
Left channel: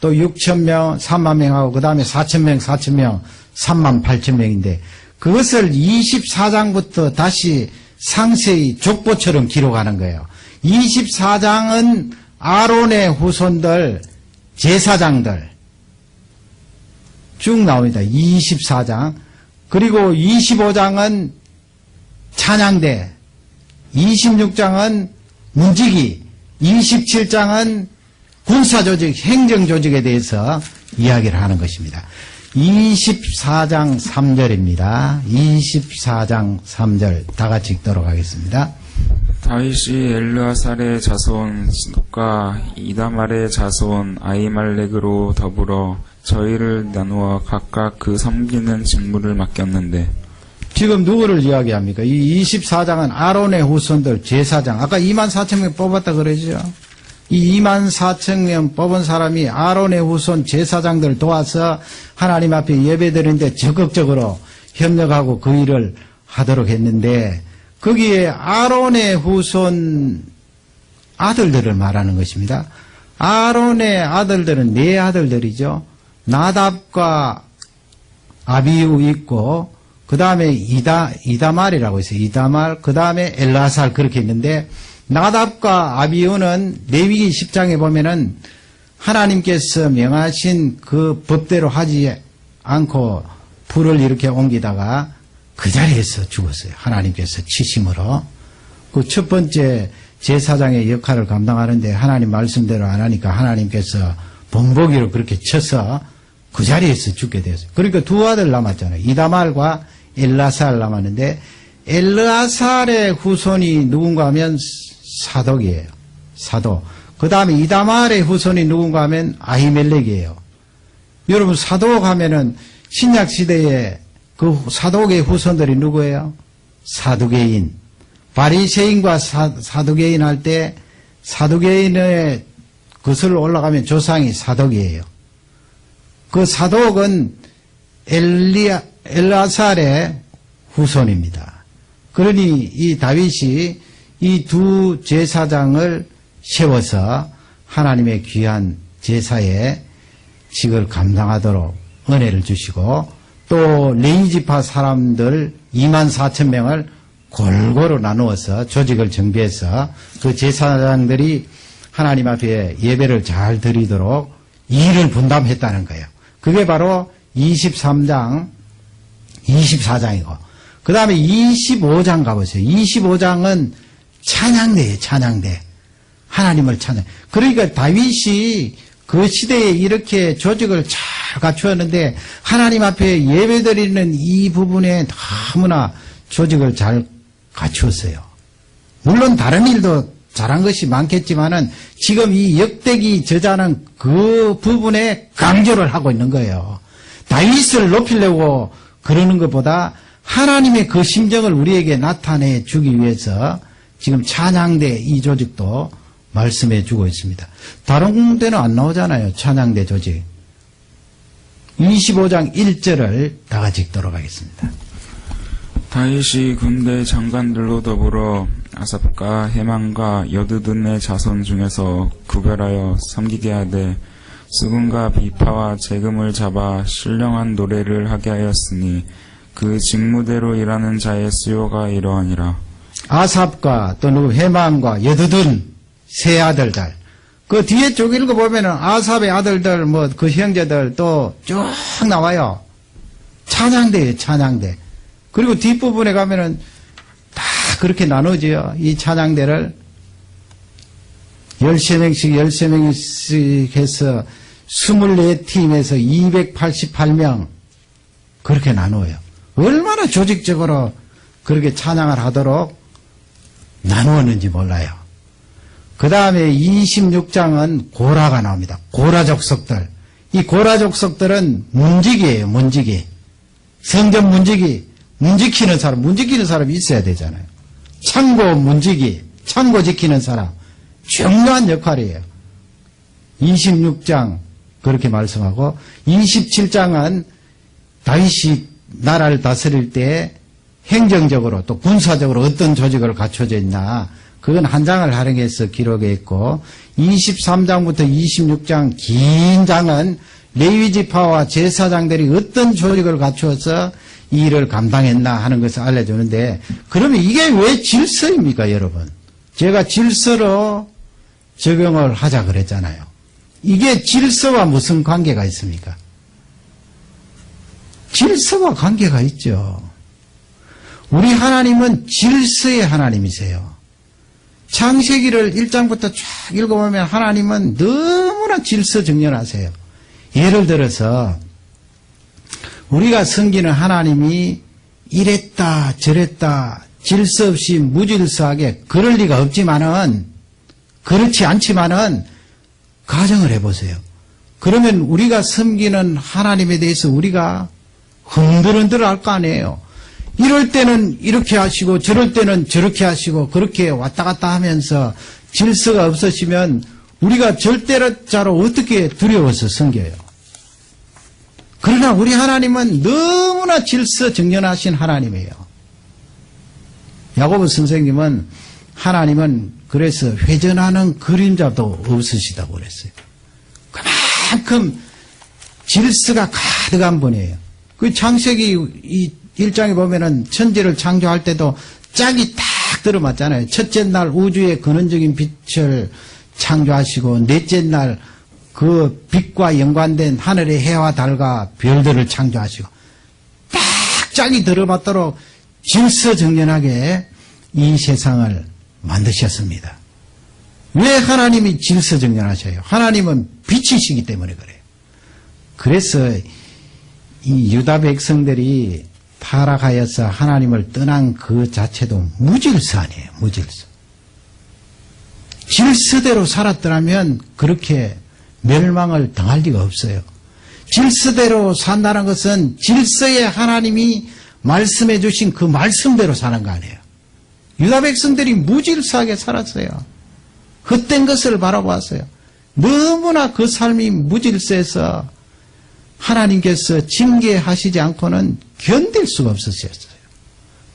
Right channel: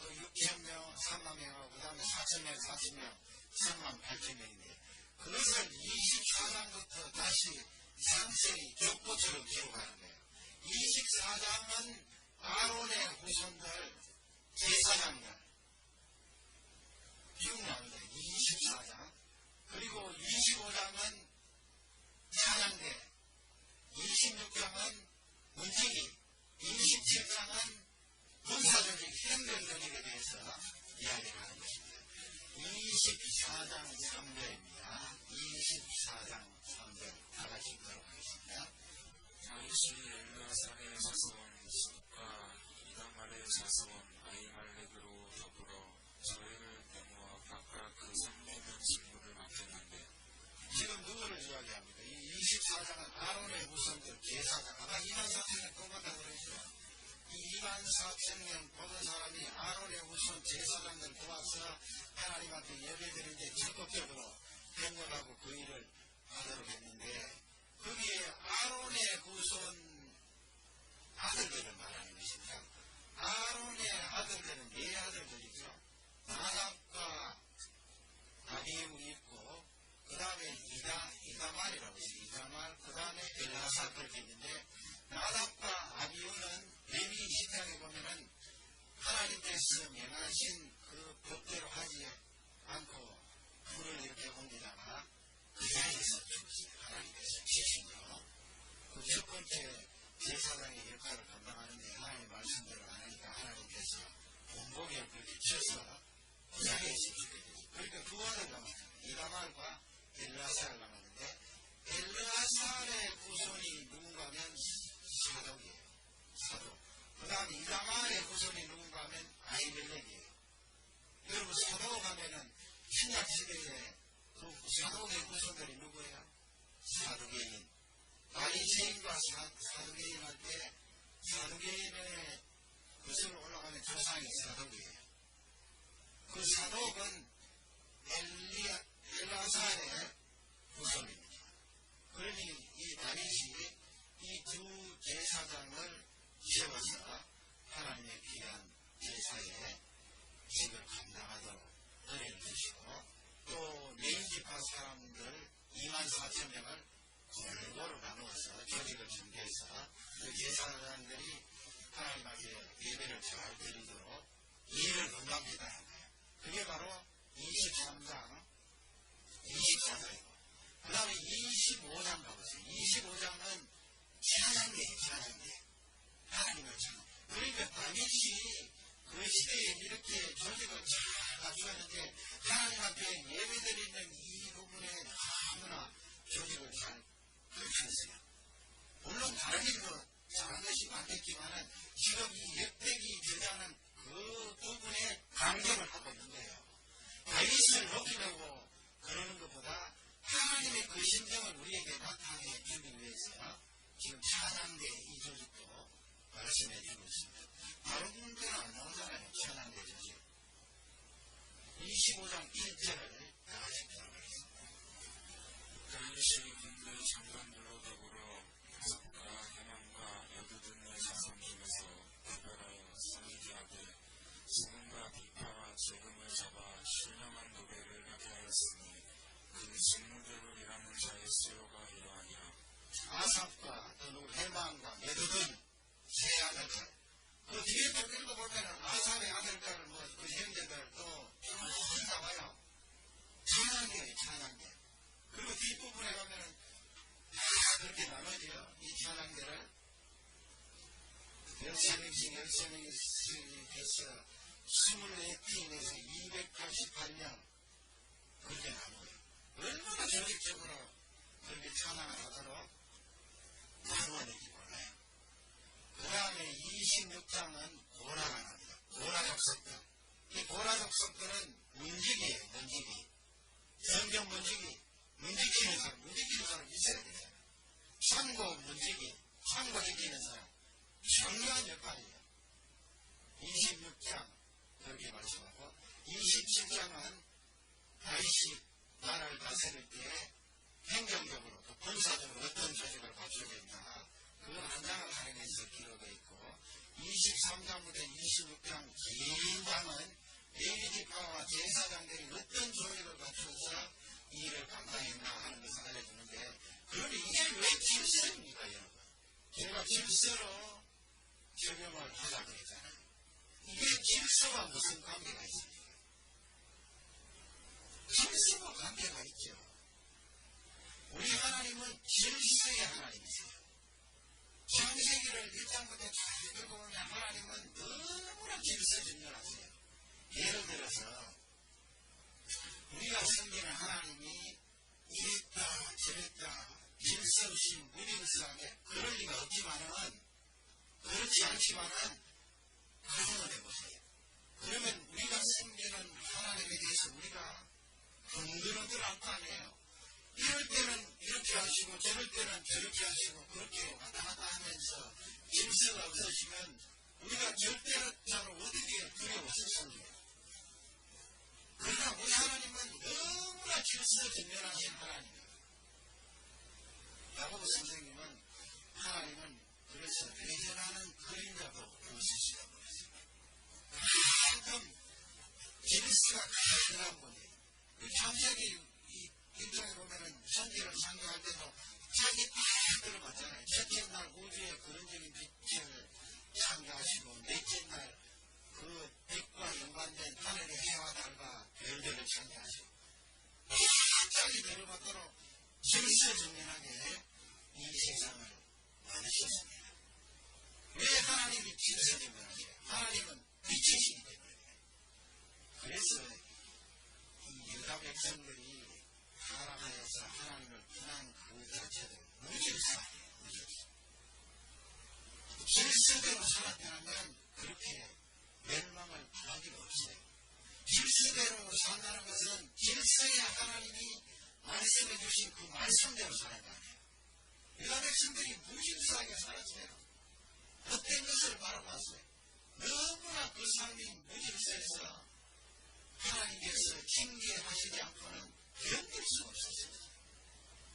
또 6,000명, 3만 명하고 그 다음에 4,000명, 4,000명, 3만 8,000명인데 그것을 24장부터 다시 상세히 족보처럼 기록하는 거예요. 24장은 아론의 후손들, 제사장들 쭉 나옵니다. 24장. 그리고 25장은 찬양대, 26장은 문지기, 27장은 군사조직, 행정조직에 대해서 이야기를 하는 것입니다. 24장 3절입니다. 24장 3절 다 같이 읽도록 하겠습니다. 다윗이 엘르아살의 자손과 이다말의 자손 아히말렉으로 더불어 저희를 나누어 각각 그 섬기는 직무를 맡겼는데 지금 누구를 이야기합니까? 이 24장은 아론의 후손들 제사장. 아까 24,000명 뽑았다 그러죠. 이 24,000명 뽑은 사람이 아론의 후손 제사장들 도와서 하나님 앞에 예배드리는데 적극적으로 협력하고 그 일을 하도록 했는데 거기에 아론의 후손 아들들을 말하는 것입니다. 아론의 아들들은 네 아들들이죠. 나답과 아비우 있고 그 다음에 이다말이라고 있어요. 이다말, 그 다음에 엘라살 그렇게 있는데 나답과 아비우는 레위기 10장에 보면은 하나님께서 명하신 그 법대로 하지 않고 불을 이렇게 옮기다가 그 자리에서 죽었어요. 하나님께서 치심으로. 그 첫 번째 제사장의 역할을 감당하는데 하나님 말씀대로 안 하니까 하나님께서 본보기로 그렇게 쳐서 그 자리에서 죽게 되었어요. 그러니까 두 아들 남았잖아요. 이다말과 엘라살 남았는데 엘르아살의 후손이 누군가 하면 사독이에요. 사독. 그 다음에 이다말의 후손이 누군가 하면 아히멜렉이에요. 여러분 사독 하면은 신약시대에 그 사독의 후손들이 누구예요? 사두개인. 바리새인과 사두개인 할 때 사두개인의 그슬 올라가면 조상이 사독이에요. 그 사독은 엘라살의 후손입니다. 그러니 이 다윗이 이 두 제사장을 세워서 하나님의 귀한 제사의 직을 감당하도록 은혜를 주시고 또 레위지파 사람들 24,000명을 골고루 나누어서 조직을 정비해서 그 제사장들이 하나님 앞에 예배를 잘 드리도록 일을 분담했다는 거예요. 그게 바로 23장, 24장이고 그 다음에 25장 가보세요. 25장은 찬양대예요. 찬양대. 하나님을 찬양. 그러니까 다윗이 그 시대에 이렇게 조직을 잘 갖추었는데 하나님 앞에 예배드리는 이 부분에 너무나 조직을 잘 갖추었어요. 물론 다른 일도 잘한 것이 많겠지만은 지금 이 역대기 저자는 그 부분에 강조를 하고 있는 거예요. 다윗을 높이려고 그러는 것보다 하나님의 그 심정을 우리에게 나타내 주기 위해서 지금 찬양대 이 조직도 말씀해 주고 있습니다. 다른 데는 안 나오잖아요. 찬양대 조직. 25장 1절을 다 같이 읽도록 하겠습니다. 다윗이 군대 장관들로 더불어 아삽과 헤만과 여두둔의 자손 중에서 구별하여 섬기게 하되 수금과 비파와 재금을 잡아 신령한 노래를 하게 하였으니 그 직무대로 일하는 자의 수요가 이러하니라. 아삽과 또 누구 헤만과 여두둔 세 아들들. 그 뒤에 쭉 읽어보면은 아삽의 아들들 뭐 그 형제들 또 쭉 나와요. 찬양대예요. 찬양대. 그리고 뒷부분에 가면은 다 그렇게 나누어져요. 이 찬양대를 13명씩 해서 24팀에서 288명 그렇게 나누어요. 얼마나 조직적으로 그렇게 찬양을 하도록 나누었는지 몰라요. 그 다음에 26장은 고라가 나옵니다. 고라 족속들. 이 고라 족속들은 문지기예요. 문지기. 성전 문지기. 문지키는 사람이 있어야 되잖아요. 창고 문지기, 창고 지키는 사람, 중요한 역할이에요. 26장 그렇게 말씀하고 27장은 다윗이 나라를 다스릴 때 행정적으로 또 군사적으로 어떤 조직을 갖춰져 있나 그건 한 장을 활용해서 기록해 있고 23장부터 26장 긴 장은 레위지파와 제사장들이 어떤 조직을 갖추어서 이 일을 감당했나 하는 것을 알려주는데 그러면 이게 왜 질서입니까 여러분? 제가 질서로 적용을 하자 그랬잖아요. 이게 질서와 무슨 관계가 있습니까? 질서와 관계가 있죠. 우리 하나님은 질서의 하나님이세요. 창세기를 1장부터 쫙 읽어보면 하나님은 너무나 질서 정연하세요. 예를 들어서 우리가 섬기는 하나님이 이랬다 저랬다 질서 없이 무질서하게 그럴 리가 없지만은 그렇지 않지만은 가정을 해보세요. 그러면 우리가 섬기는 하나님에 대해서 우리가 흔들흔들 할 거 아니에요. 이럴 때는 이렇게 하시고 저럴 때는 저렇게 하시고 그렇게 왔다 갔다 하면서 질서가 없으시면 우리가 절대자로 어떻게 두려워서 섬겨요. 그러나 우리 하나님은 너무나 질서 정연하신 하나님이에요. 야고보 선생님은 하나님은 그래서 회전하는 그림자도 없으시다고 그랬어요. 그만큼 질서가 가득한 분이에요. 그 창세기 이 1장에 보면은 천지를 창조할 때도 짝이 딱 들어맞잖아요. 첫째 날 우주의 근원적인 빛을 창조하시고 넷째 날 그 빛과 연관된 하늘의 해와 달과 별들을 창조하시고 딱 짝이 들어맞도록 질서정연하게 이 세상을 만드셨습니다. 왜 하나님이 질서정연하셔요? 하나님은 빛이시기 때문에 그래요. 그래서 이 유다 백성들이 타락하여서 하나님을 떠난 그 자체도 무질서 아니에요. 무질서. 질서대로 살았더라면 그렇게 멸망을 당할 리가 없어요. 질서대로 산다는 것은 질서의 하나님이 말씀해 주신 그 말씀대로 사는 거 아니에요. 유다 백성들이 무질서하게 살았어요. 헛된 것을 바라보았어요. 너무나 그 삶이 무질서해서 하나님께서 징계하시지 않고는 견딜 수가 없으셨어요.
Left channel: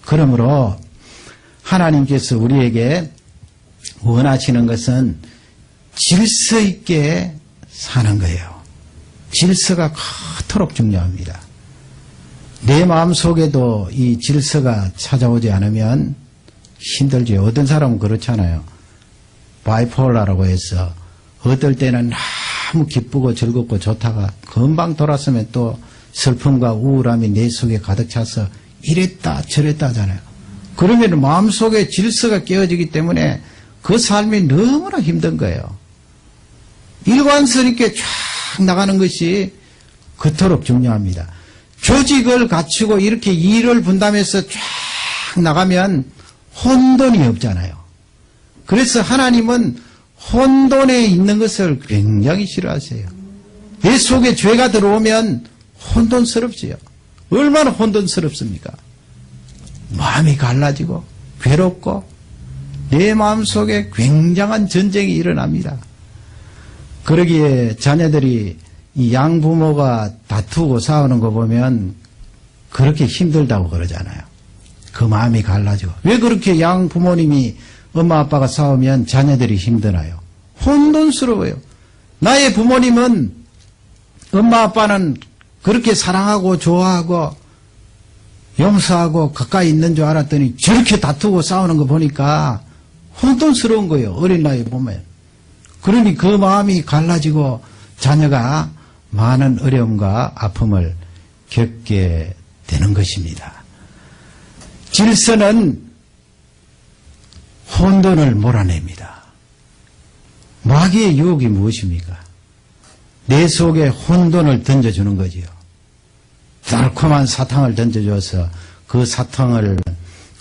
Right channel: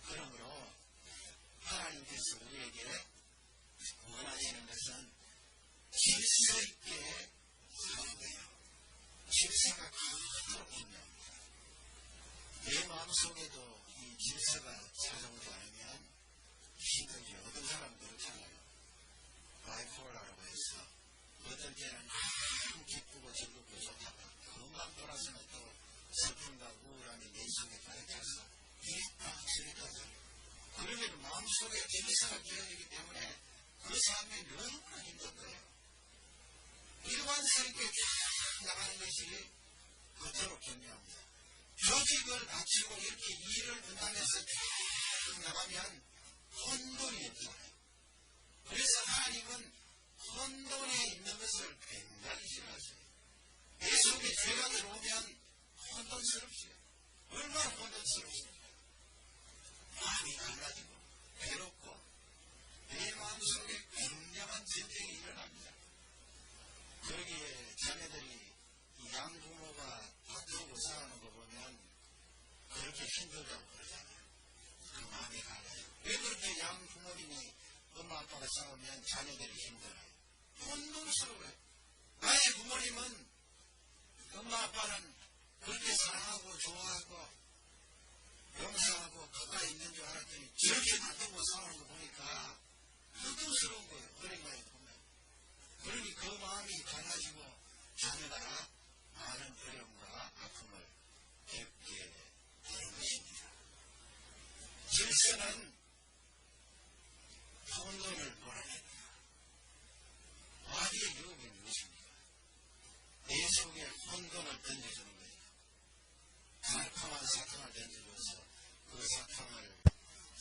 그러므로 하나님께서 우리에게 원하시는 것은 질서 있게 사는 거예요. 질서가 그토록 중요합니다. 내 마음속에도 이 질서가 찾아오지 않으면 힘들죠. 어떤 사람은 그렇잖아요. 바이폴라라고 해서 어떨 때는 너무 기쁘고 즐겁고 좋다가 금방 돌아서면 또 슬픔과 우울함이 내 속에 가득 차서 이랬다 저랬다 하잖아요. 그러면 마음속에 질서가 깨어지기 때문에 그 삶이 너무나 힘든 거예요. 일관성 있게 쫙 나가는 것이 그토록 중요합니다. 조직을 갖추고 이렇게 일을 분담해서 쫙 나가면 혼돈이 없잖아요. 그래서 하나님은 혼돈에 있는 것을 굉장히 싫어하세요. 내 속에 죄가 들어오면 혼돈스럽지요. 얼마나 혼돈스럽습니까? 마음이 갈라지고 괴롭고 내 마음속에 굉장한 전쟁이 일어납니다. 그러기에 자녀들이 이 양부모가 다투고 싸우는 거 보면 그렇게 힘들다고 그러잖아요. 그 마음이 갈라지고. 왜 그렇게 양부모님이 엄마 아빠가 싸우면 자녀들이 힘드나요? 혼돈스러워요. 나의 부모님은 엄마 아빠는 그렇게 사랑하고 좋아하고 용서하고 가까이 있는 줄 알았더니 저렇게 다투고 싸우는 거 보니까 혼돈스러운 거예요. 어린 나이에 보면. 그러니 그 마음이 갈라지고 자녀가 많은 어려움과 아픔을 겪게 되는 것입니다. 질서는 혼돈을 몰아냅니다. 마귀의 유혹이 무엇입니까? 내 속에 혼돈을 던져주는 거지요. 달콤한 사탕을 던져줘서 그 사탕을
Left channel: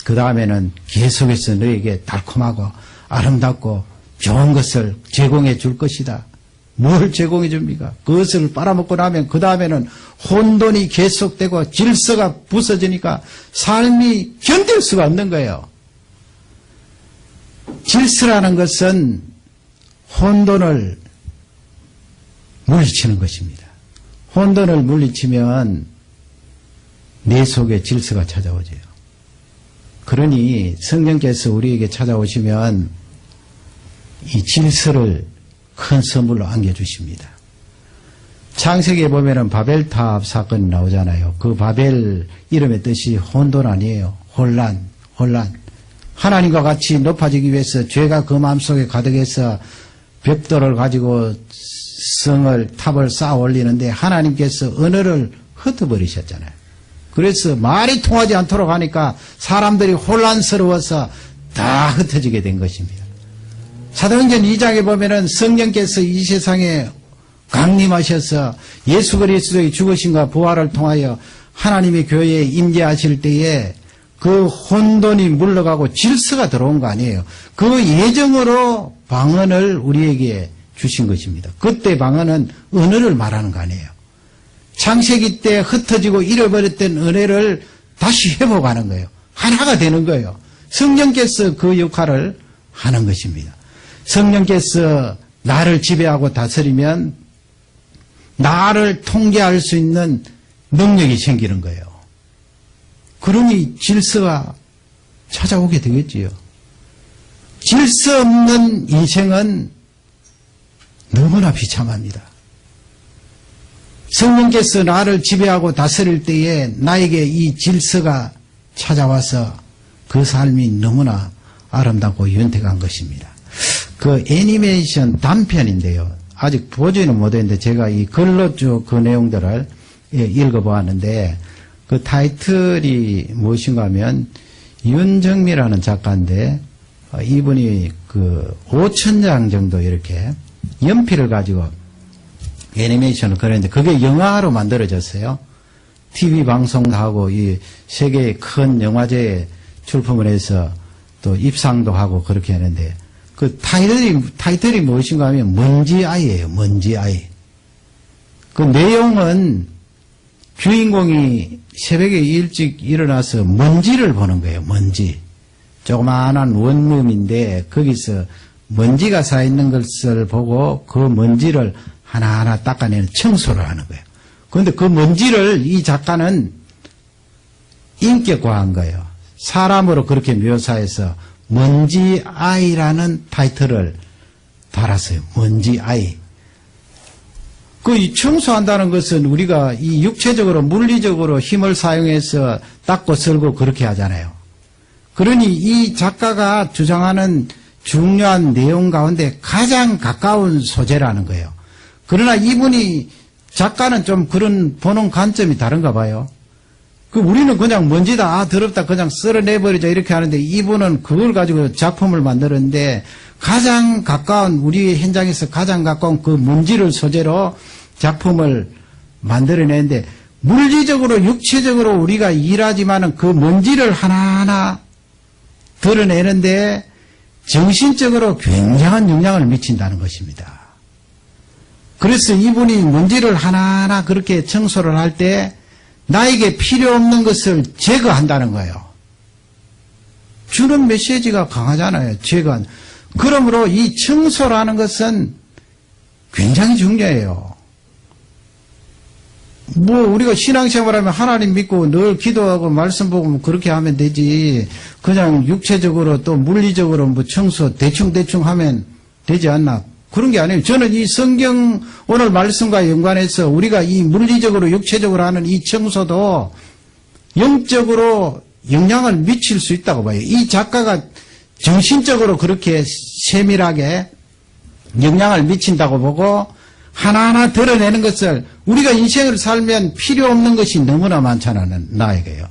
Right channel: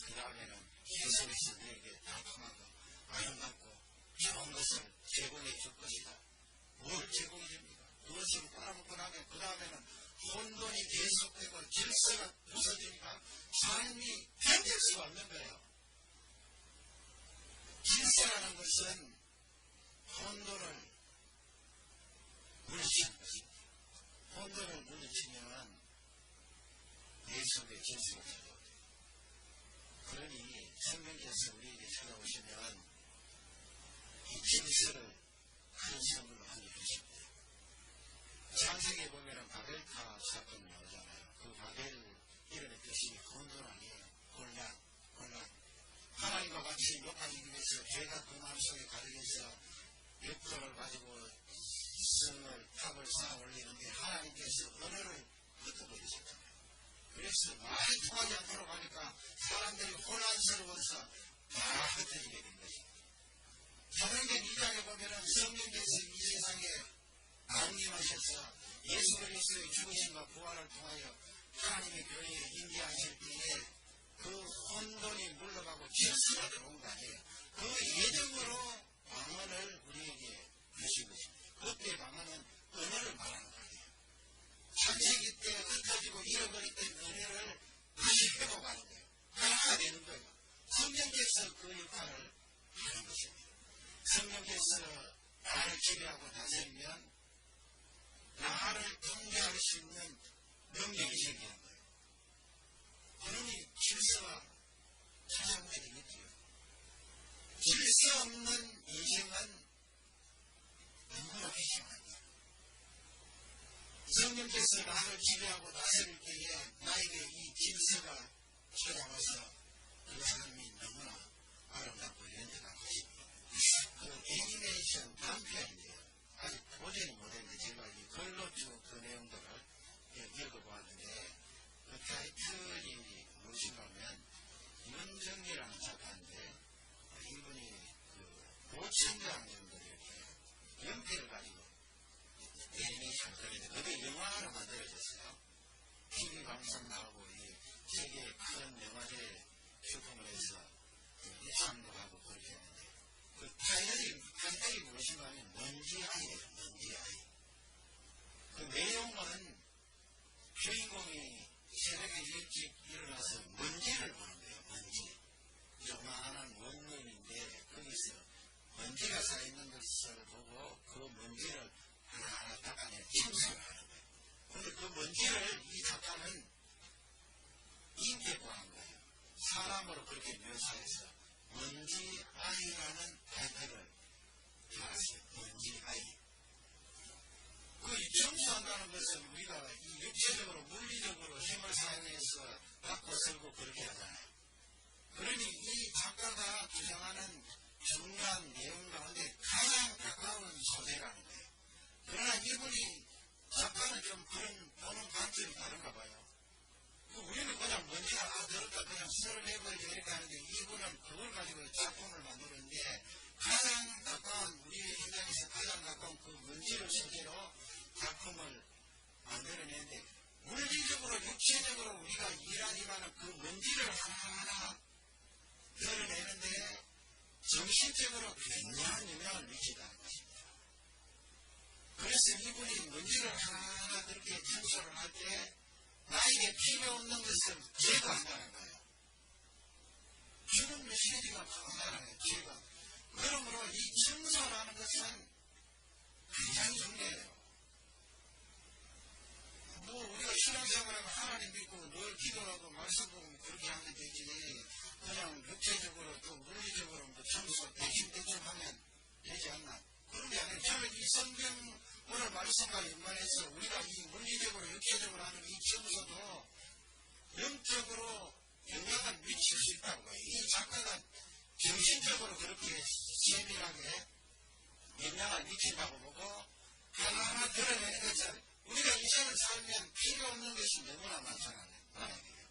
그 다음에는 계속해서 너에게 달콤하고 아름답고 좋은 것을 제공해 줄 것이다. 뭘 제공해 줍니까? 그것을 빨아먹고 나면 그 다음에는 혼돈이 계속되고 질서가 부서지니까 삶이 견딜 수가 없는 거예요. 질서라는 것은 혼돈을 물리치는 것입니다. 혼돈을 물리치면 내 속에 질서가 찾아오죠. 그러니 성령께서 우리에게 찾아오시면 이 질서를 큰 선물로 안겨주십니다. 창세기에 보면은 바벨탑 사건이 나오잖아요. 그 바벨 이름의 뜻이 혼돈 아니에요. 혼란. 하나님과 같이 높아지기 위해서 죄가 그 마음속에 가득해서 벽돌을 가지고 탑을 쌓아 올리는데 하나님께서 언어를 흩어버리셨잖아요. 그래서 말이 통하지 않도록 하니까 사람들이 혼란스러워서 다 흩어지게 된 것입니다. 사도행전 2장에 보면은 성령께서 이 세상에 강림하셔서 예수 그리스도의 죽으심과 부활을 통하여 하나님의 교회에 임재하실 때에 그 혼돈이 물러가고 질서가 들어온 거 아니에요. 그 예정으로 방언을 우리에게 주신 것입니다. 그때 방언은 은혜를 말하는 거 아니에요. 창세기 때 흩어지고 잃어버렸던 은혜를 다시 회복하는 거예요. 하나가 되는 거예요. 성령께서 그 역할을 하는 것입니다. 성령께서 나를 지배하고 다스리면 나를 통제할 수 있는 능력이 생기는 거예요. 그러니 질서가 찾아오게 되겠지요. 질서 없는 인생은 너무나 비참합니다. 성령께서 나를 지배하고 다스릴 때에 나에게 이 질서가 찾아와서 그 삶이 너무나 아름답고 윤택한 것입니다. 그 애니메이션 단편인데요. 아직 보지는 못했는데 제가 이 글로 쭉 그 내용들을 읽어보았는데 그 타이틀이 무엇인가 하면 윤정미라는 작가인데 이분이 그 5,000장 정도 이렇게 연필을 가지고 애니메이션을 그렸는데 그게 영화로 만들어졌어요. TV 방송도 하고 이 세계의 큰 영화제에 출품을 해서 또 입상도 하고 그렇게 하는데 그 타이틀이 무엇인가 하면 먼지아이예요. 먼지아이. 그 내용은 주인공이 새벽에 일찍 일어나서 먼지를 보는 거예요. 먼지. 조그마한 원룸인데 거기서 먼지가 쌓여있는 것을 보고 그 먼지를 하나하나 닦아내는 청소를 하는 거예요. 그런데 그 먼지를 이 작가는 인격화한 거예요. 사람으로 그렇게 묘사해서 먼지아이라는 타이틀을 달았어요. 먼지아이. 그 청소한다는 것은 우리가 이 육체적으로 물리적으로 힘을 사용해서 닦고 쓸고 그렇게 하잖아요. 그러니 이 작가가 주장하는 중요한 내용 가운데 가장 가까운 소재라는 거예요. 그러나 이분이 작가는 좀 그런 보는 관점이 다른가 봐요. 그 우리는 그냥 먼지다, 더럽다, 그냥 쓸어내버리자 이렇게 하는데 이분은 그걸 가지고 작품을 만들었는데 가장 가까운 우리 현장에서 가장 가까운 그 먼지를 소재로 작품을 만들어내는데 물리적으로 육체적으로 우리가 일하지만은 그 먼지를 하나하나 드러내는데 정신적으로 굉장한 영향을 미친다는 것입니다. 그래서 이분이 먼지를 하나하나 그렇게 청소를 할 때 나에게 필요 없는 것을 제거한다는 거예요. 주는 메시지가 강하잖아요. 제거. 그러므로 이 청소라는 것은 굉장히 중요해요. 뭐 우리가 신앙생활하면 하나님 믿고 늘 기도하고 말씀 보고 그렇게 하면 되지. 그냥 육체적으로 또 물리적으로 뭐 청소 대충 하면 되지 않나. 그런 게 아니에요. 저는 이 성경 오늘 말씀과 연관해서 우리가 이 물리적으로 육체적으로 하는 이 청소도 영적으로 영향을 미칠 수 있다고 봐요. 이 작가가 정신적으로 그렇게 세밀하게 영향을 미친다고 보고 하나하나 드러내는 것을 우리가 인생을 살면 필요 없는 것이 너무나 많잖아요. 나에게요.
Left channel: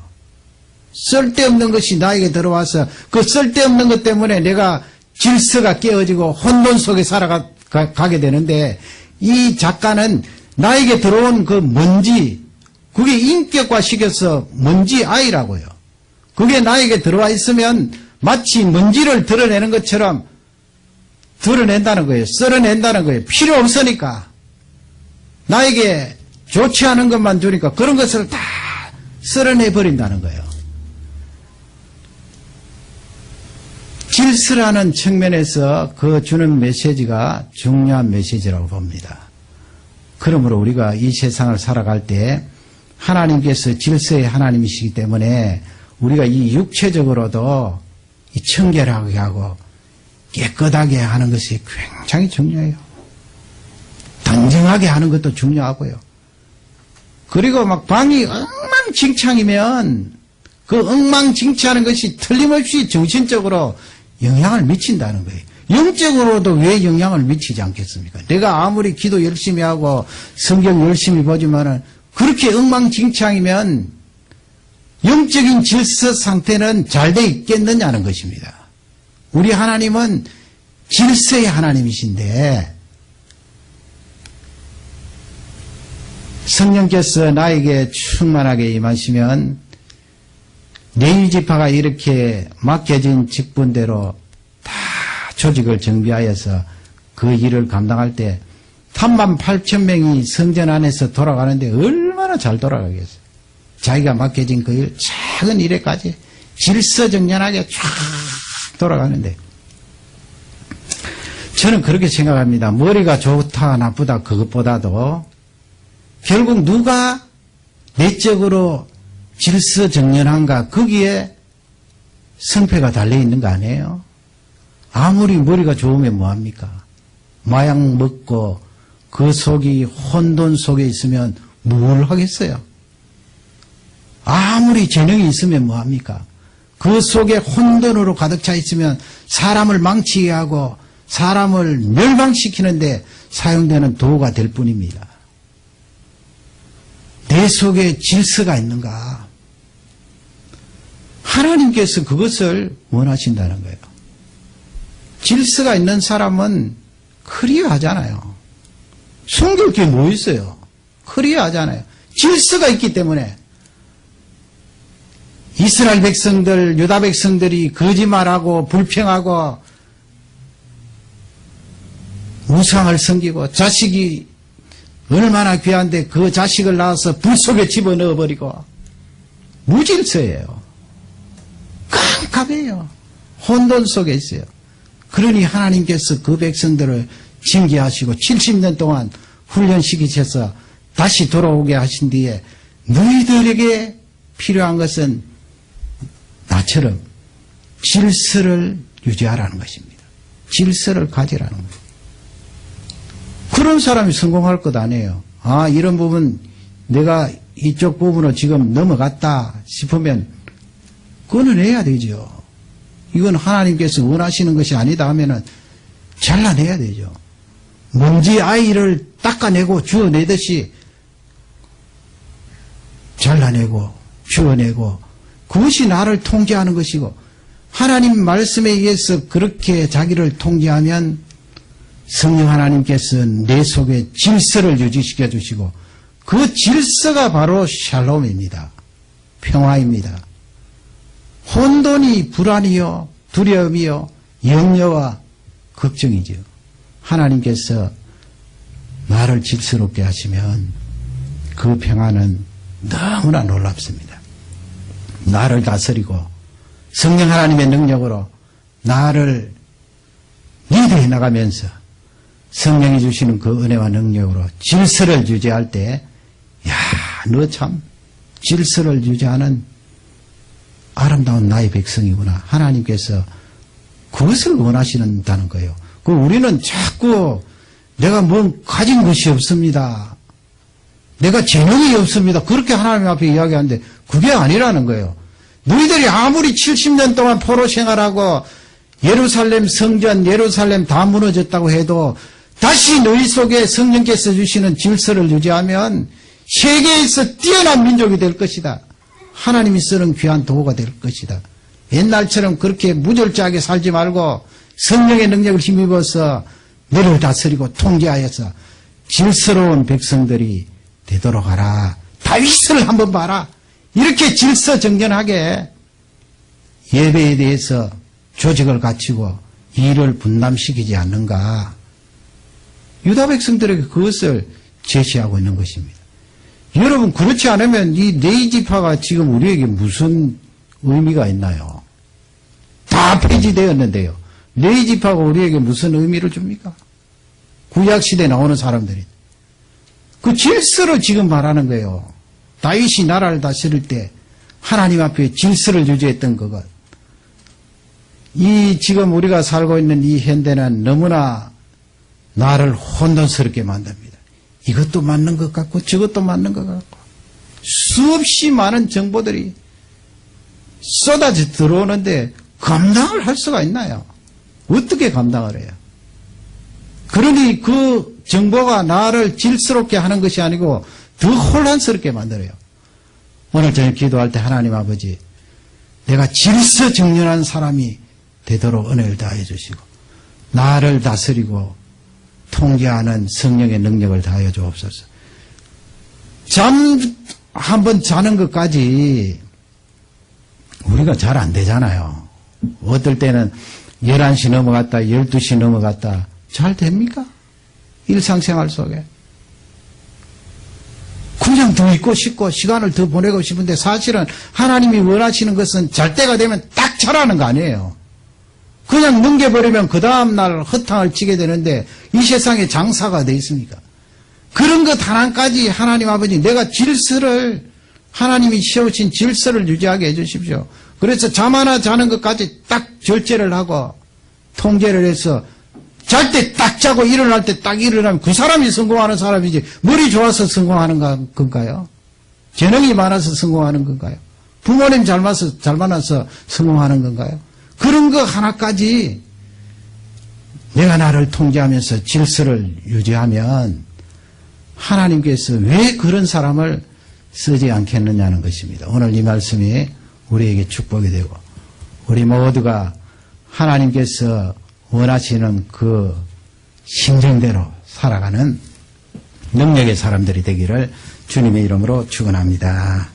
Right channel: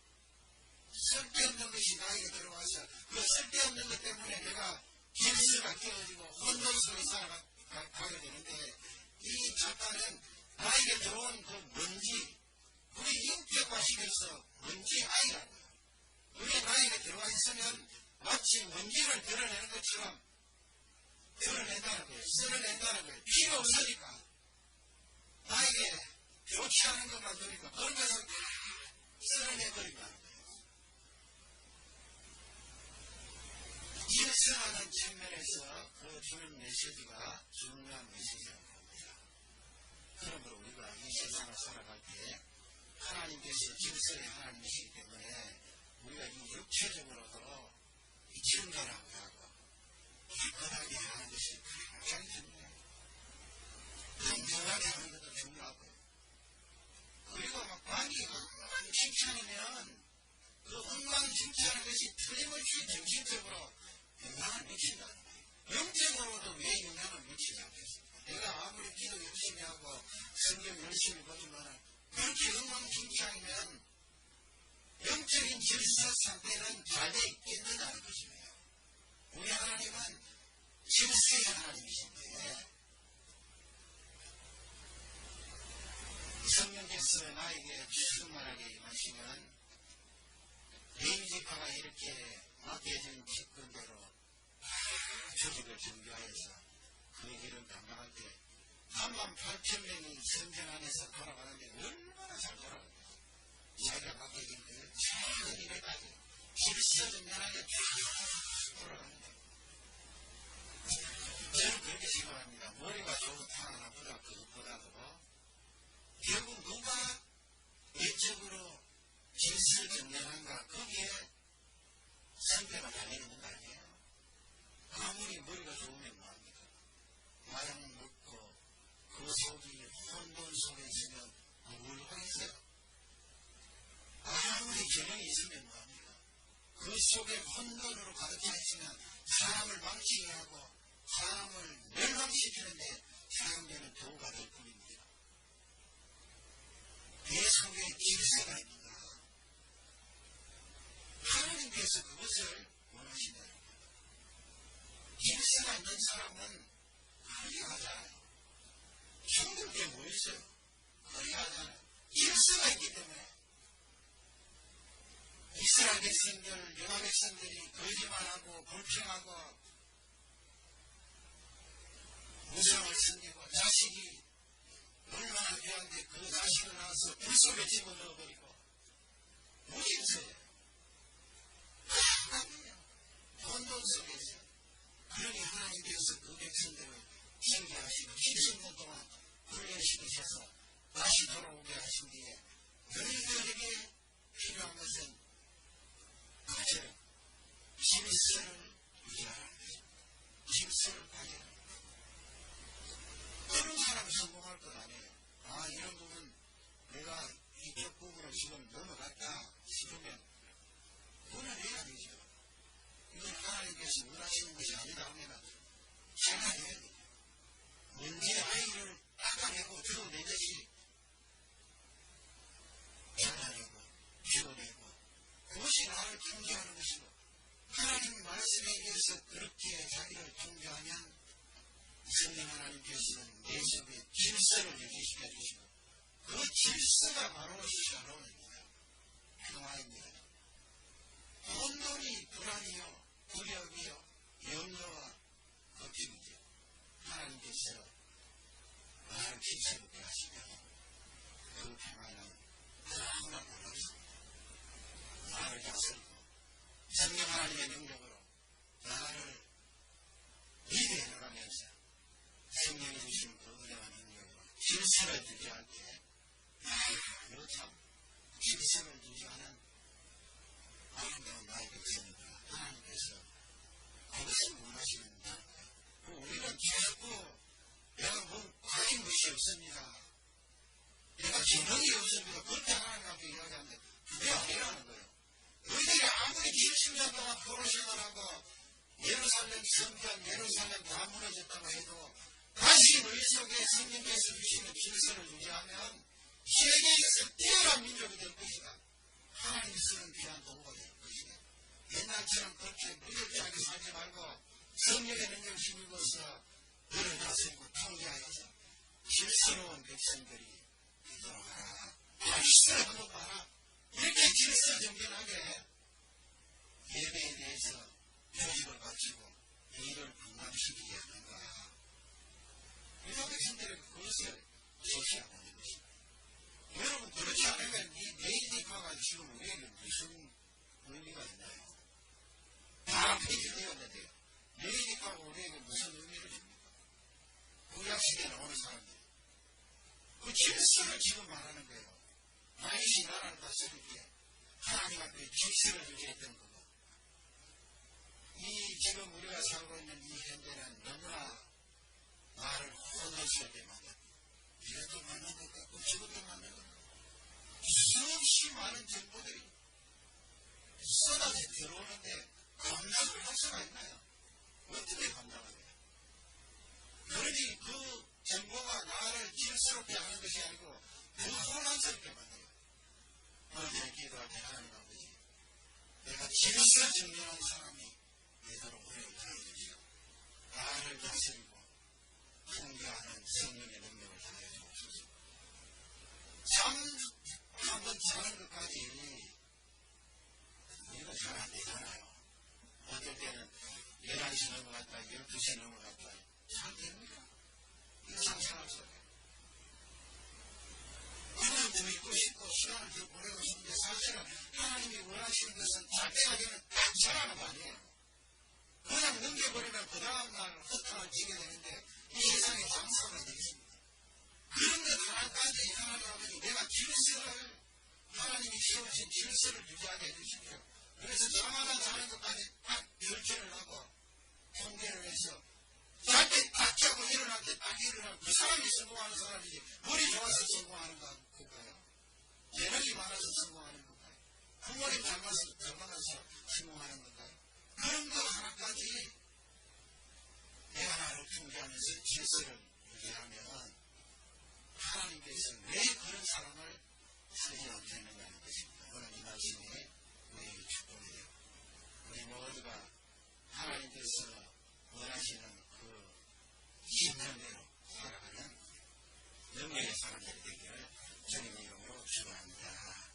쓸데없는 것이 나에게 들어와서 그 쓸데없는 것 때문에 내가 질서가 깨어지고 혼돈 속에 살아가게 되는데 이 작가는 나에게 들어온 그 먼지, 그게 인격화 시켜서 먼지 아이라고요. 그게 나에게 들어와 있으면 마치 먼지를 드러내는 것처럼 드러낸다는 거예요. 썰어낸다는 거예요. 필요 없으니까. 나에게 좋지 않은 것만 주니까 그런 것을 다 썰어내버린다는 거예요. 질서라는 측면에서 그 주는 메시지가 중요한 메시지라고 봅니다. 그러므로 우리가 이 세상을 살아갈 때 하나님께서 질서의 하나님이시기 때문에 우리가 이 육체적으로도 이 청결하게 하고 깨끗하게 하는 것이 굉장히 중요해요. 단정하게 하는 것도 중요하고요. 그리고 막 방이 엉망진창이면 그 엉망진창하는 것이 틀림없이 정신적으로 영향을 미친다는 거예요. 영적으로도 왜 영향을 미치지 않겠습니까? 내가 아무리 기도 열심히 하고 성경 열심히 보지만은 그렇게 엉망진창이면 영적인 질서 상태는 잘 돼 있겠느냐는 것입니다. 우리 하나님은 질서의 하나님이신데 성령께서 나에게 충만하게 임하시면 레위지파가 이렇게 맡겨진 직분대로 다 조직을 정비하여서 그 일을 감당할 때 38,000명이 성전 안에서 돌아가는데 얼마나 잘 돌아가겠어요. 자기가 맡겨진 그 일, 작은 일에까지 질서정연하게 쫙 돌아가는데 저는 그렇게 생각합니다. 머리가 좋다 나쁘다 그것보다도 결국 누가 내적으로 질서정연한가 거기에 성패가 달려있는 거 아니에요? 아무리 머리가 좋으면 뭐합니까? 마약 먹고 그 속이 혼돈 속에 있으면 뭘 하겠어요? 아무리 재능이 있으면 뭐합니까? 그 속에 혼돈으로 가득 차 있으면 사람을 망치게 하고 사람을 멸망시키는데 사용되는 도구가 될 뿐입니다. 내 속에 질서가 있는가? 하나님께서 그것을 원하신다는 거예요. 질서가 있는 사람은 그리워하잖아요. 숨길 게 뭐 있어요? 그리워하잖아요. 질서가 있기 때문에. 이스라엘 백성들, 유다 백성들이 거짓말하고 불평하고 우상을 섬기고 자식이 얼마나 귀한데 그 자식을 낳아서 불 속에 집어넣어버리고 무질서예요. 깜깜해요. 혼돈 속에 있어요. 그러니 하나님께서 그 백성들을 징계하시고 70년 동안 훈련시키셔서 다시 돌아오게 하신 뒤에 너희들에게 필요한 것은 나처럼 질서를 유지하라는 것입니다. 질서를 가지라는 거예요. 그런 사람이 성공할 것 아니에요. 아, 이런 부분 내가 이쪽 부분으로 지금 넘어갔다 싶으면 끊어내야 되죠. 이건 하나님께서 원하시는 것이 아니다 하면은 잘라내야 되죠. 먼지 아이를 닦아내고 주워내듯이 잘라내고 주워내고 그것이 나를 통제하는 것이고 하나님 말씀에 의해서 그렇게 자기를 통제하면 성령 하나님께서 내 속에 질서를 유지시켜 주시고 그 질서가 바로 샬롬입니다. 평화입니다. 혼돈이 불안이요 두려움이요 염려와 걱정이죠. 하나님께서 나를 질서롭게 하시면 그 평안은 너무나 놀랍습니다. 나를 다스리고 성령 하나님의 능력으로 나를 리드해 나가면서 성령이 주시는 그 은혜와 능력으로 질서를 유지할 때, 야, 너 참 질서를 유지하는 아름다운 나의 백성이구나. 하나님께서 그것을 원하시는다는 거예요. 그 우리는 자꾸 내가 뭐 가진 것이 없습니다. 내가 재능이 없습니다. 그렇게 하나님 앞에 이야기하는데 그게 아니라는 거예요. 너희들이 아무리 70년 동안 포로 생활하고 예루살렘 성전, 예루살렘 다 무너졌다고 해도 다시 너희 속에 성령께서 주시는 질서를 유지하면 세계에서 뛰어난 민족이 될 것이다. 하나님이 쓰는 귀한 도구가 될 것이다. 옛날처럼 그렇게 무절제하게 살지 말고 성령의 능력을 힘입어서 너를 다스리고 통제하여서 질서로운 백성들이 되도록 하라. 다윗을 한번 봐라. 이렇게 질서정연하게 예배에 대해서 조직을 갖추고 일을 분담시키지 않는가. 유다 백성들에게 그것을 제시하고 있는 것입니다. 여러분 그렇지 않으면 이 네 지파가 지금 우리에게 무슨 의미가 있나요? 다 폐지되었는데요. 네 집하고 우리에게 무슨 의미를 줍니까? 구약시대에 나오는 사람들이. 그 질서를 지금 말하는 거예요. 다윗이 나라를 다스릴 때 하나님 앞에 질서를 유지했던 그것. 이 지금 우리가 살고 있는 이 현대는 너무나 나를 혼돈스럽게 만듭니다. 이것도 맞는 것 같고 저것도 맞는 것 같고 수없이 많은 정보들이 쏟아져 들어오는데 감당을 할 수가 있나요? 어떻게 감당을 해요? 그러니 그 정보가 나를 질스럽게 하는 것이 아니고 더 혼란스럽게 만들어요. 오늘 저녁 기도할 때 하나님 아버지, 내가 질서 정연한 사람이 되도록 은혜를 다해 주시고 나를 다스리고 통제하는 성령의 능력을 다하여 주옵소서. 잠 한번 자는 것까지 우리가 잘 안 되잖아요. 어떨 때는 11시 넘어갔다 12시 넘어갔다 잘 됩니까? 일상생활 속에. 그냥 더 있고 싶고 시간을 더 보내고 싶은데 사실은 하나님이 원하시는 것은 잘 때가 되면 딱 자라는 거 아니에요. 그냥 넘겨버리면 그 다음날 허탕을 치게 되는데 이 세상에 장사가 돼 있습니까? 그런 것 하나까지 하나님 아버지 내가 질서를 하나님이 세우신 질서를 유지하게 해주십시오. 그래서 잠 하나 자는 것까지 딱 절제를 하고 통제를 해서 잘 때 딱 자고 일어날 때 딱 일어나면 그 사람이 성공하는 사람이지 머리 좋아서 성공하는 건가요? 재능이 많아서 성공하는 건가요? 부모님 잘 만나서 성공하는 건가요? 그런 거 하나까지 내가 나를 통제하면서 질서를 유지하면 하나님께서 왜 그런 사람을 쓰지 않겠느냐는 것입니다. 오늘 이 말씀이 우리에게 축복이 되고 우리 모두가 하나님께서 원하시는 그 심정대로 살아가는 능력의 사람들이 되기를 주님의 이름으로 축원합니다.